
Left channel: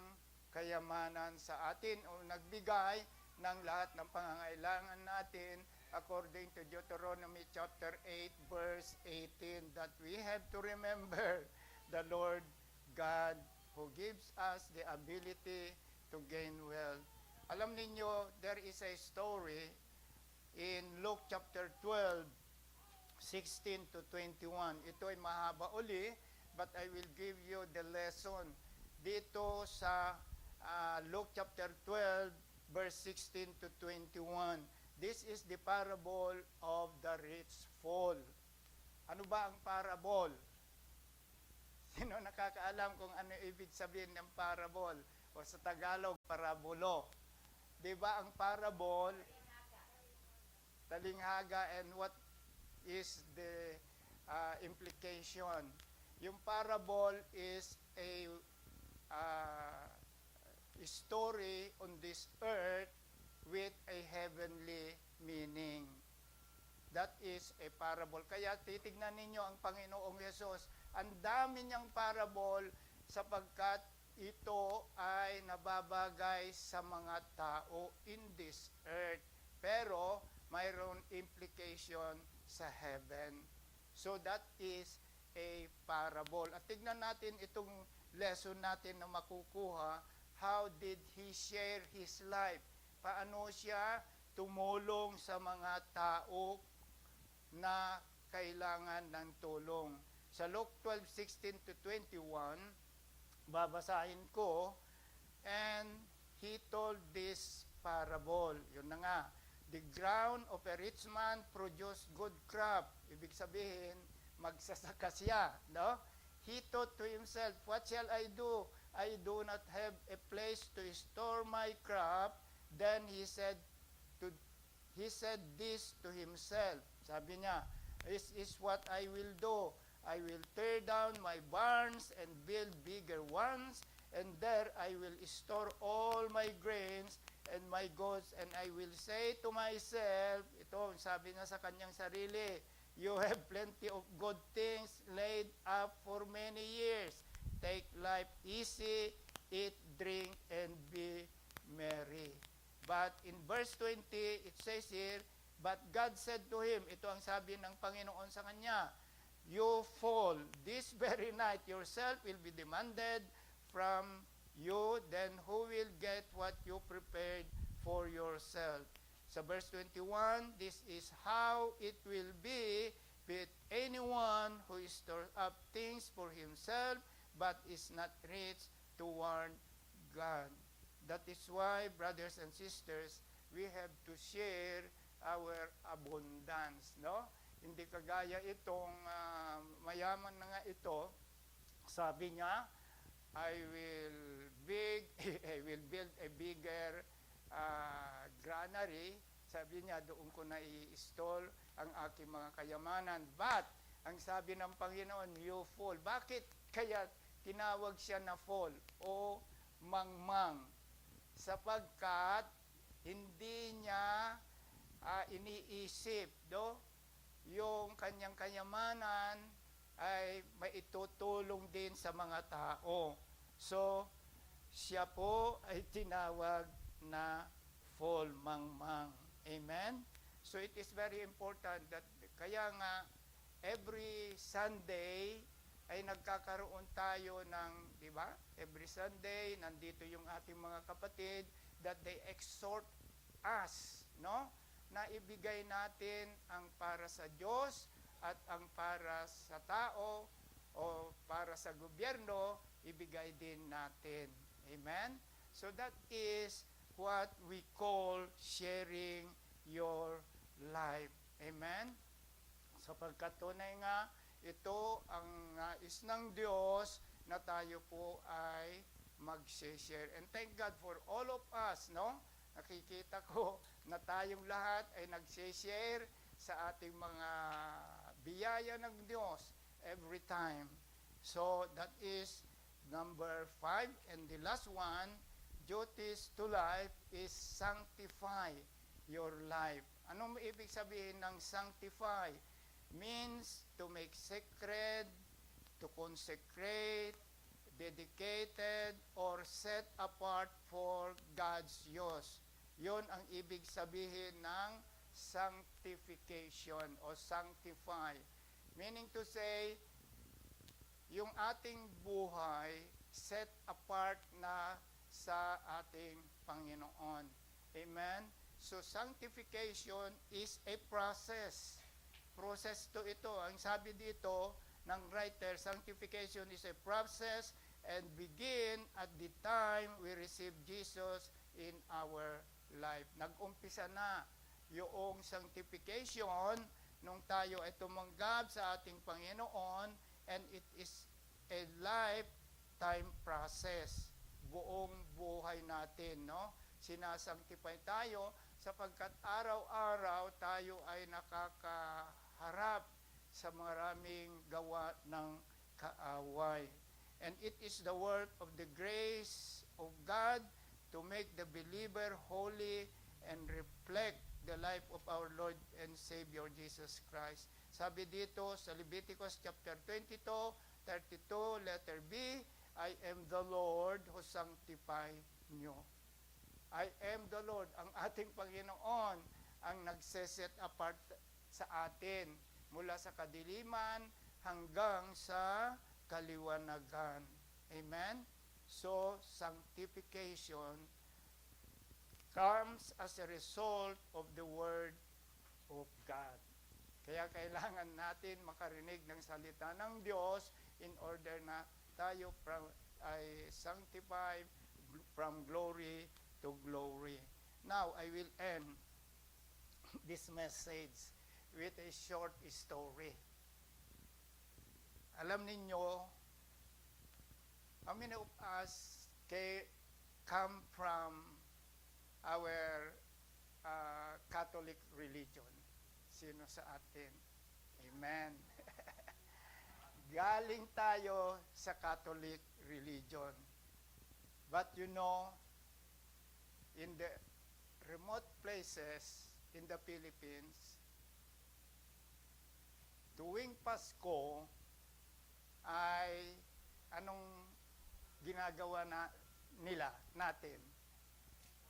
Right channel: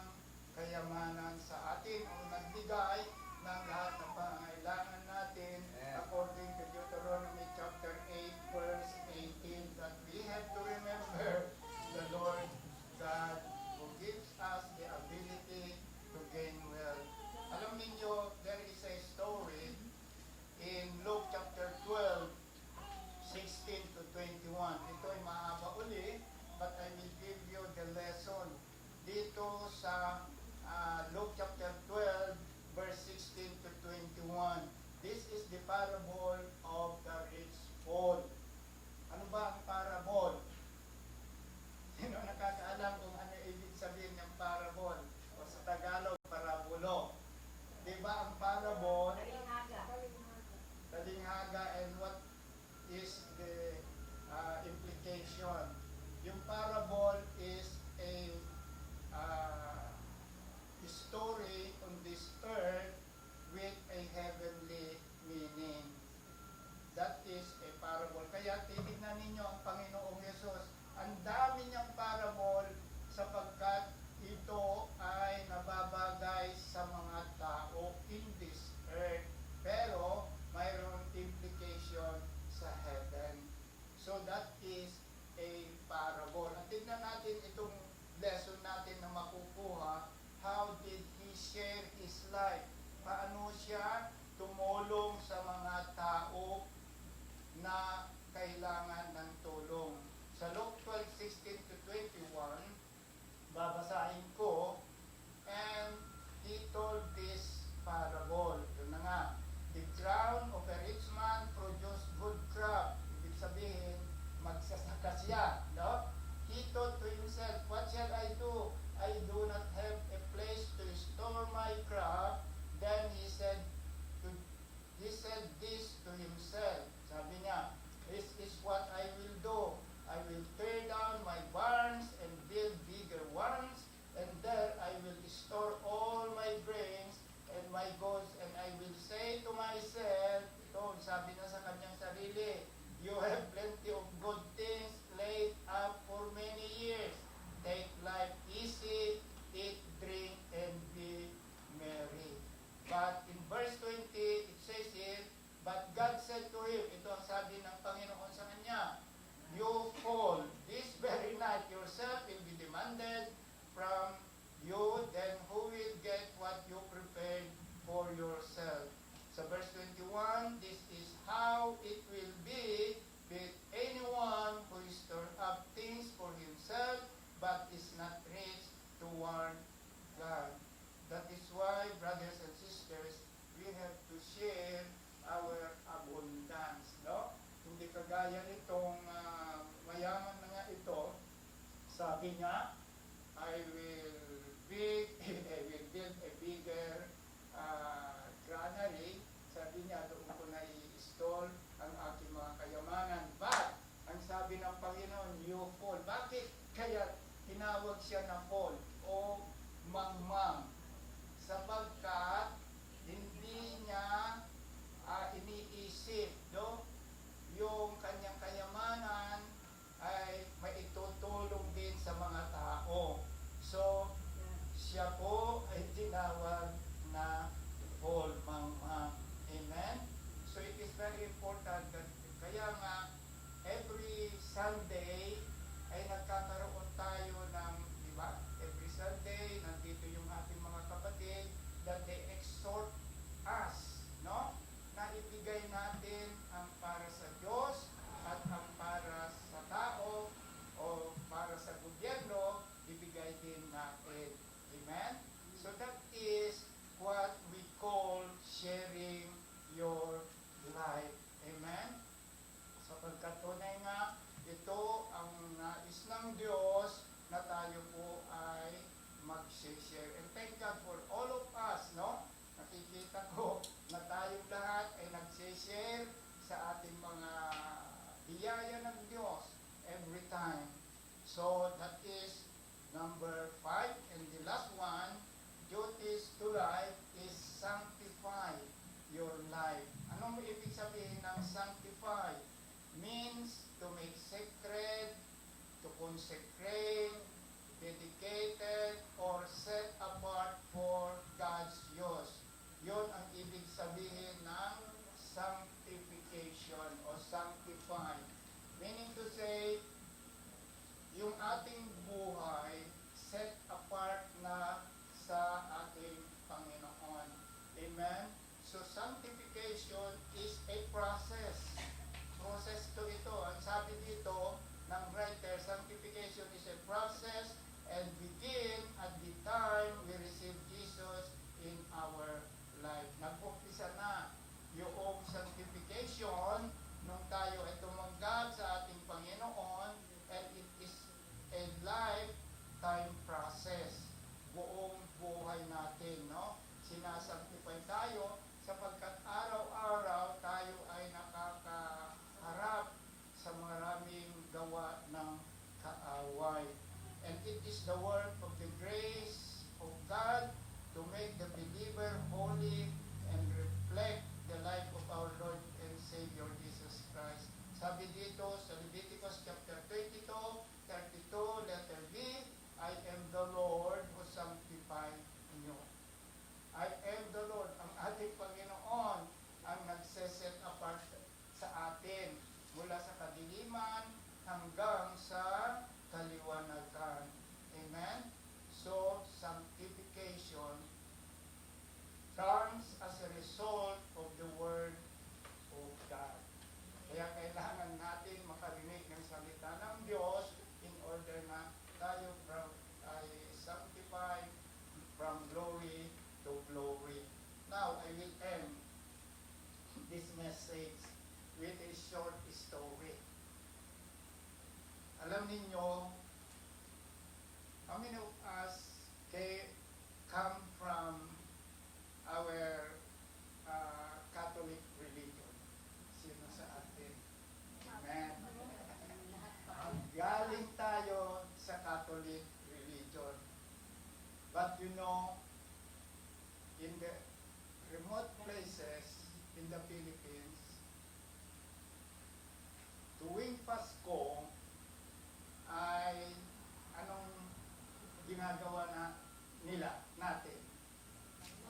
kayamanan sa atin o nagbigay ng lahat ng pangangailangan natin according to Deuteronomy chapter 8 verse 18 that we have to remember the Lord God who gives us the ability to gain wealth. Alam niyo, there is a story in Luke chapter 12 16 to 21. Ito ay mahaba uli, but I will give you the lesson. Dito sa Luke chapter 12, verse 16 to 21. This is the parable of the rich fool. Ano ba ang parable? Sino nakakaalam kung ano ibig sabihin ng parable? O sa Tagalog, parabolo. Di ba ang parable? parable is a story on this earth with a heavenly meaning. That is a parable. Kaya titignan ninyo ang Panginoong Yesus. Ang dami niyang parable sapagkat ito ay nababagay sa mga tao in this earth. Pero mayroon implication sa heaven. So that is a parable. At tignan natin itong lesson natin na makukuha. How did he share his life? Paano siya tumulong sa mga tao na kailangan ng tulong? Sa Luke 12:16 to 21, babasahin ko, and he told this parable. Yun na nga, the ground of a rich man produced good crop. Ibig sabihin, magsasaka siya, no? He thought to himself, what shall I do? I do not have a place to store my crop. Then he said this to himself. Sabi niya, this is what I will do. I will tear down my barns and build bigger ones, and there I will store all my grains and my goods, and I will say to myself, ito, sabi na sa kanyang sarili, you have plenty of good things laid up for many years. Take life easy, eat, drink, and be merry. But in verse 20, it says here, but God said to him, ito ang sabi ng Panginoon sa kanya, you fall, this very night yourself will be demanded from you, then who will get what you prepared for yourself? Sa verse 21, this is how it will be with anyone who stores up things for himself, but is not rich toward God. That is why, brothers and sisters, we have to share our abundance, no? Hindi kagaya itong mayaman na nga ito, sabi nga, I will build a bigger granary. Sabi niya, doon ko na i-install ang aking mga kayamanan. But, ang sabi ng Panginoon, you fall. Bakit kaya tinawag siya na fall o mangmang? Sapagkat hindi niya iniisip, no? Yung kanyang kayamanan ay maitutulong din sa mga tao. So, siya po ay tinawag na fall, mangmang. Amen? So, it is very important that, kaya nga, every Sunday ay nagkakaroon tayo ng, diba? Every Sunday, nandito yung ating mga kapatid that they exhort us, no? Na ibigay natin ang para sa Diyos at ang para sa tao o para sa gobyerno, ibigay din natin. Amen? So that is what we call sharing your life. Amen? Sapagkat tunay nga, ito ang nais ng Diyos na tayo po ay mag-share. And thank God for all of us, no? Nakikita ko na tayong lahat ay nag-share sa ating mga biyaya ng Diyos every time. So that is number 5. And the last one, duties to life is sanctify your life. Anong ibig sabihin ng sanctify? Means to make sacred, to consecrate, dedicated, or set apart for God's use. Yun ang ibig sabihin ng sanctification o sanctify. Meaning to say, yung ating buhay set apart na sa ating Panginoon. Amen? So sanctification is a process. Process to ito. Ang sabi dito ng writer, sanctification is a process and begin at the time we receive Jesus in our life. Nag-umpisa na yung sanctification nung tayo ay tumanggap sa ating Panginoon, and it is a lifetime process. Buong buhay natin, no? Sinasanctify tayo sapagkat araw-araw tayo ay nakakaharap sa maraming gawa ng kaawa. set apart sa atin mula sa kadiliman hanggang sa kaliwanagan. Amen? So, sanctification comes as a result of the Word of God. Kaya kailangan natin makarinig ng salita ng Diyos in order na tayo ay sanctified from glory to glory. Now, I will end this message with a short story. Alam ninyo, how many of us come from our Catholic religion? Sino sa atin? Amen. Galing tayo sa Catholic religion. But you know, in the remote places in the Philippines, tuwing Pasko ay anong ginagawa natin?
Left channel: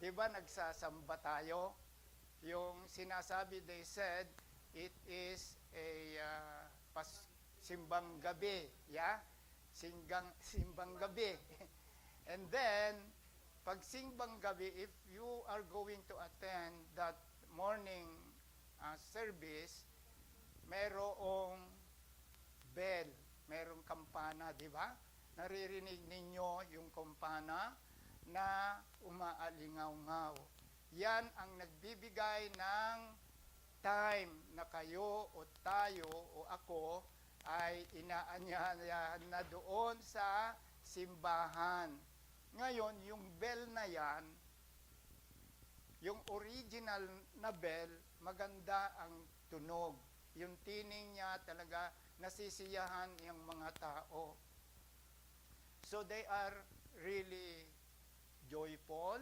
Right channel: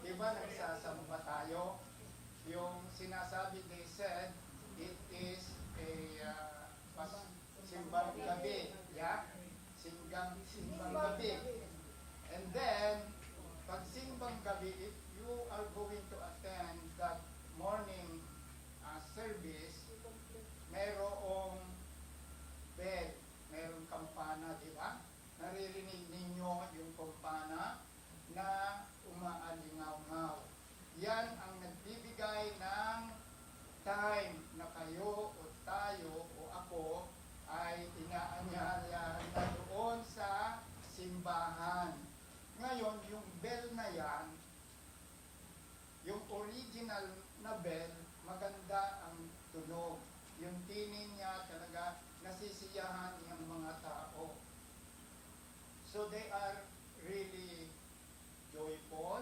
Di ba nagsasamba tayo? Yung sinasabi, they said, it is a simbang gabi. Yeah? Simbang gabi. And then, pag simbang gabi, if you are going to attend that morning service, merong bell, merong kampana, di ba? Naririnig ninyo yung kampana na umaalingaw-ngaw. Yan ang nagbibigay ng time na kayo o tayo o ako ay inaanyaya na doon sa simbahan. Ngayon, yung bell na yan, yung original na bell, maganda ang tunog. Yung tining niya talaga nasisiyahan yung mga tao. So they are really joyful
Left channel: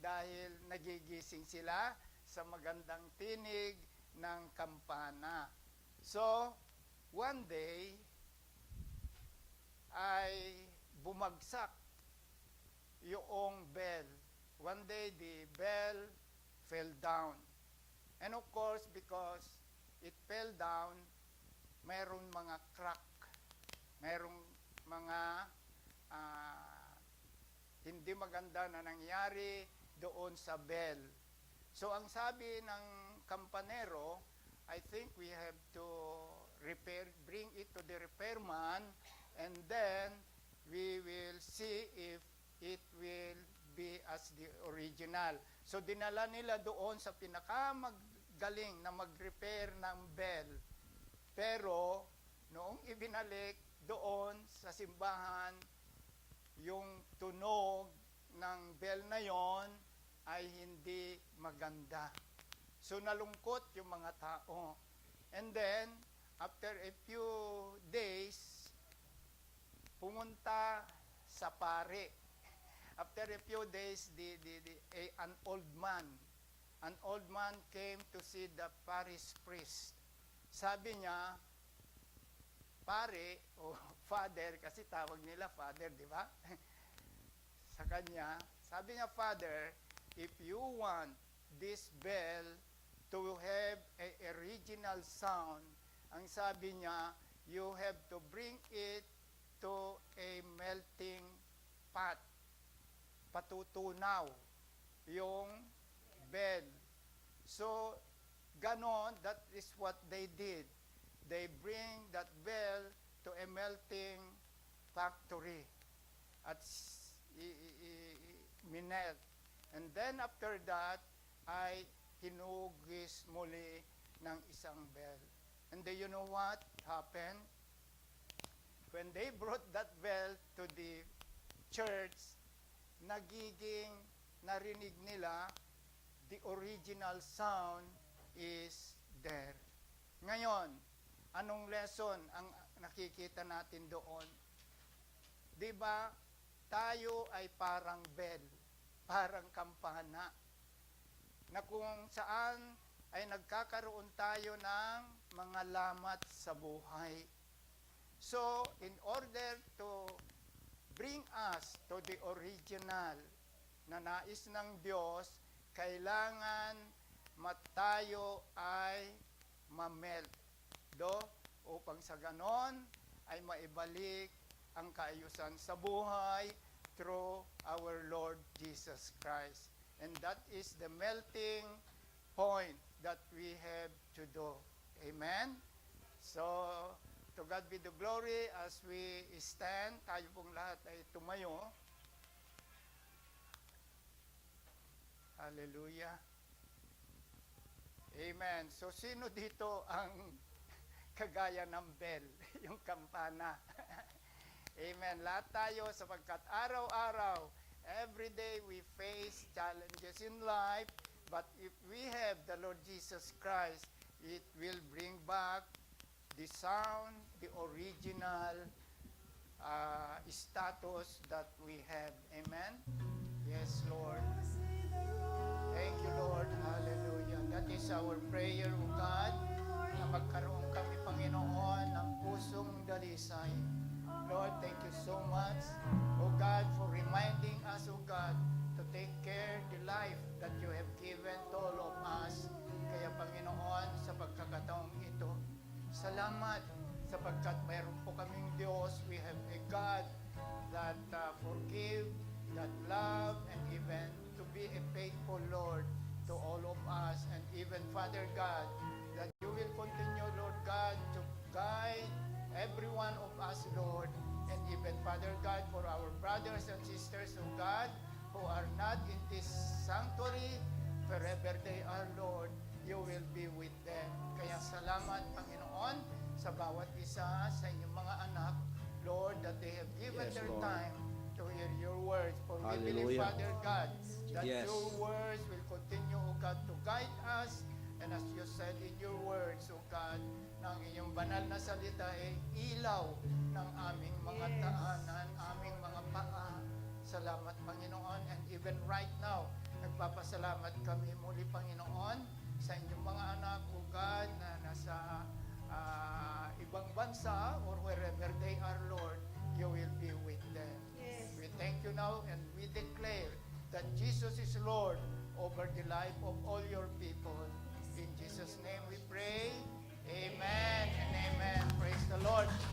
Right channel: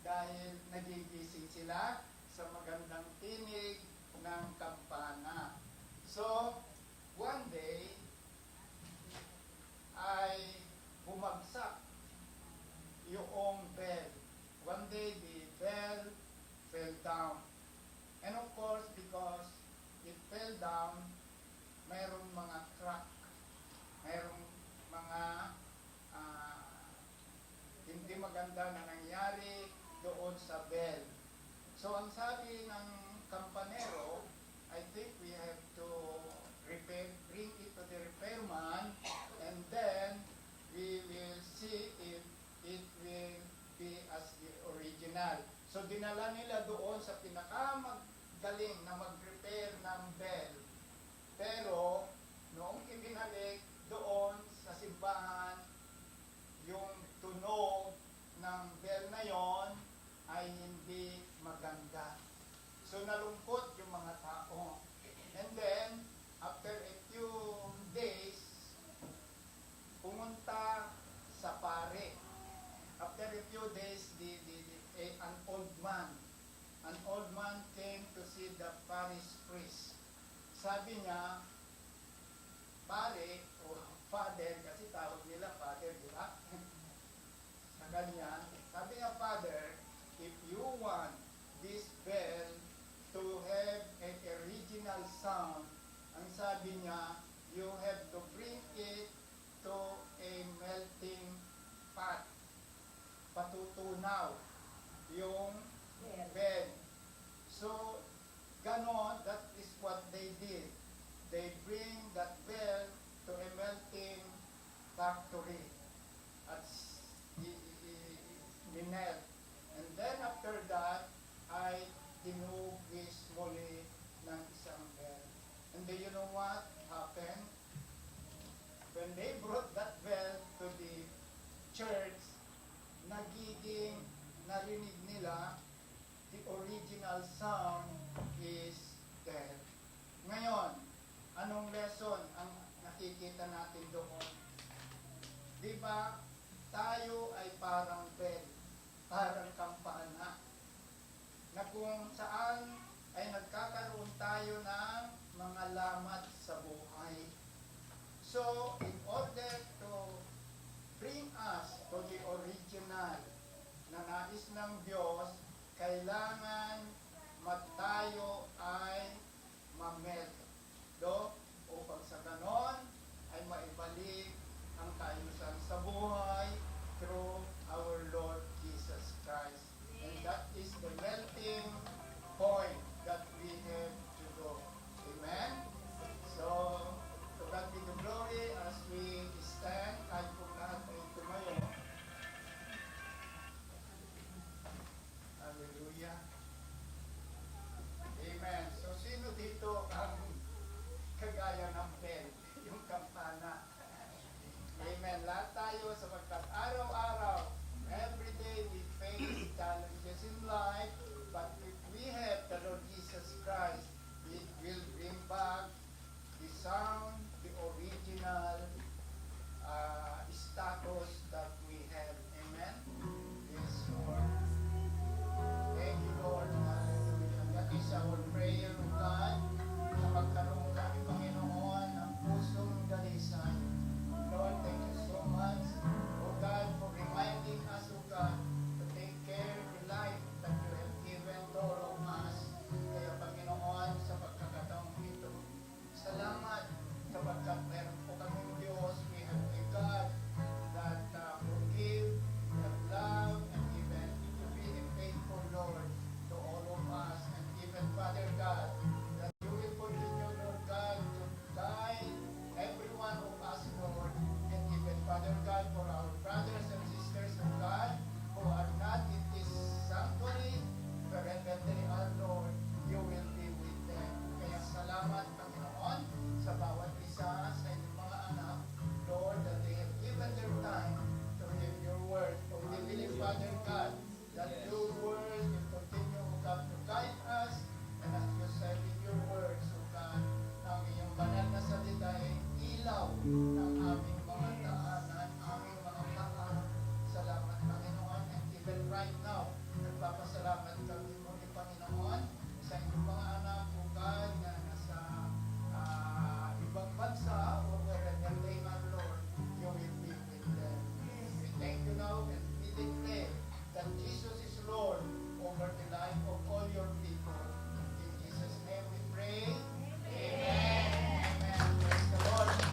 dahil nagigising sila sa magandang tinig ng kampana. So, one day, ay bumagsak yung bell. One day, the bell fell down. And of course, because it fell down, mayroong mga crack, mayroong mga hindi maganda na nangyari doon sa bell. So ang sabi ng kampanero, I think we have to bring it to the repairman, and then we will see if it will be as the original. So dinala nila doon sa pinakamagaling na mag-repair ng bell. Pero noong ibinalik doon sa simbahan, yung tunog ng bell na yon ay hindi maganda. So nalungkot yung mga tao. And then, after a few days, pumunta sa pare. After a few days, an old man came to see the parish priest. Sabi niya, pare, o father, kasi tawag nila father, di ba? Sa kanya, sabi niya, Father, if you want this bell to have an original sound, ang sabi niya, you have to bring it to a melting pot. Patutunaw yung bell. So, ganon, that is what they did. They bring that bell to a melting factory at minelt. And then after that, ay tinugis muli ng isang bell. And then you know what happened? When they brought that bell to the church, narinig nila, the original sound is dead. Ngayon, anong lesson ang nakikita natin doon? Di ba, tayo ay parang bell, parang kampana, na kung saan ay nagkakaroon tayo ng mga lamat sa buhay. So, in order to bring us to the original na nais ng Diyos, kailangan tayo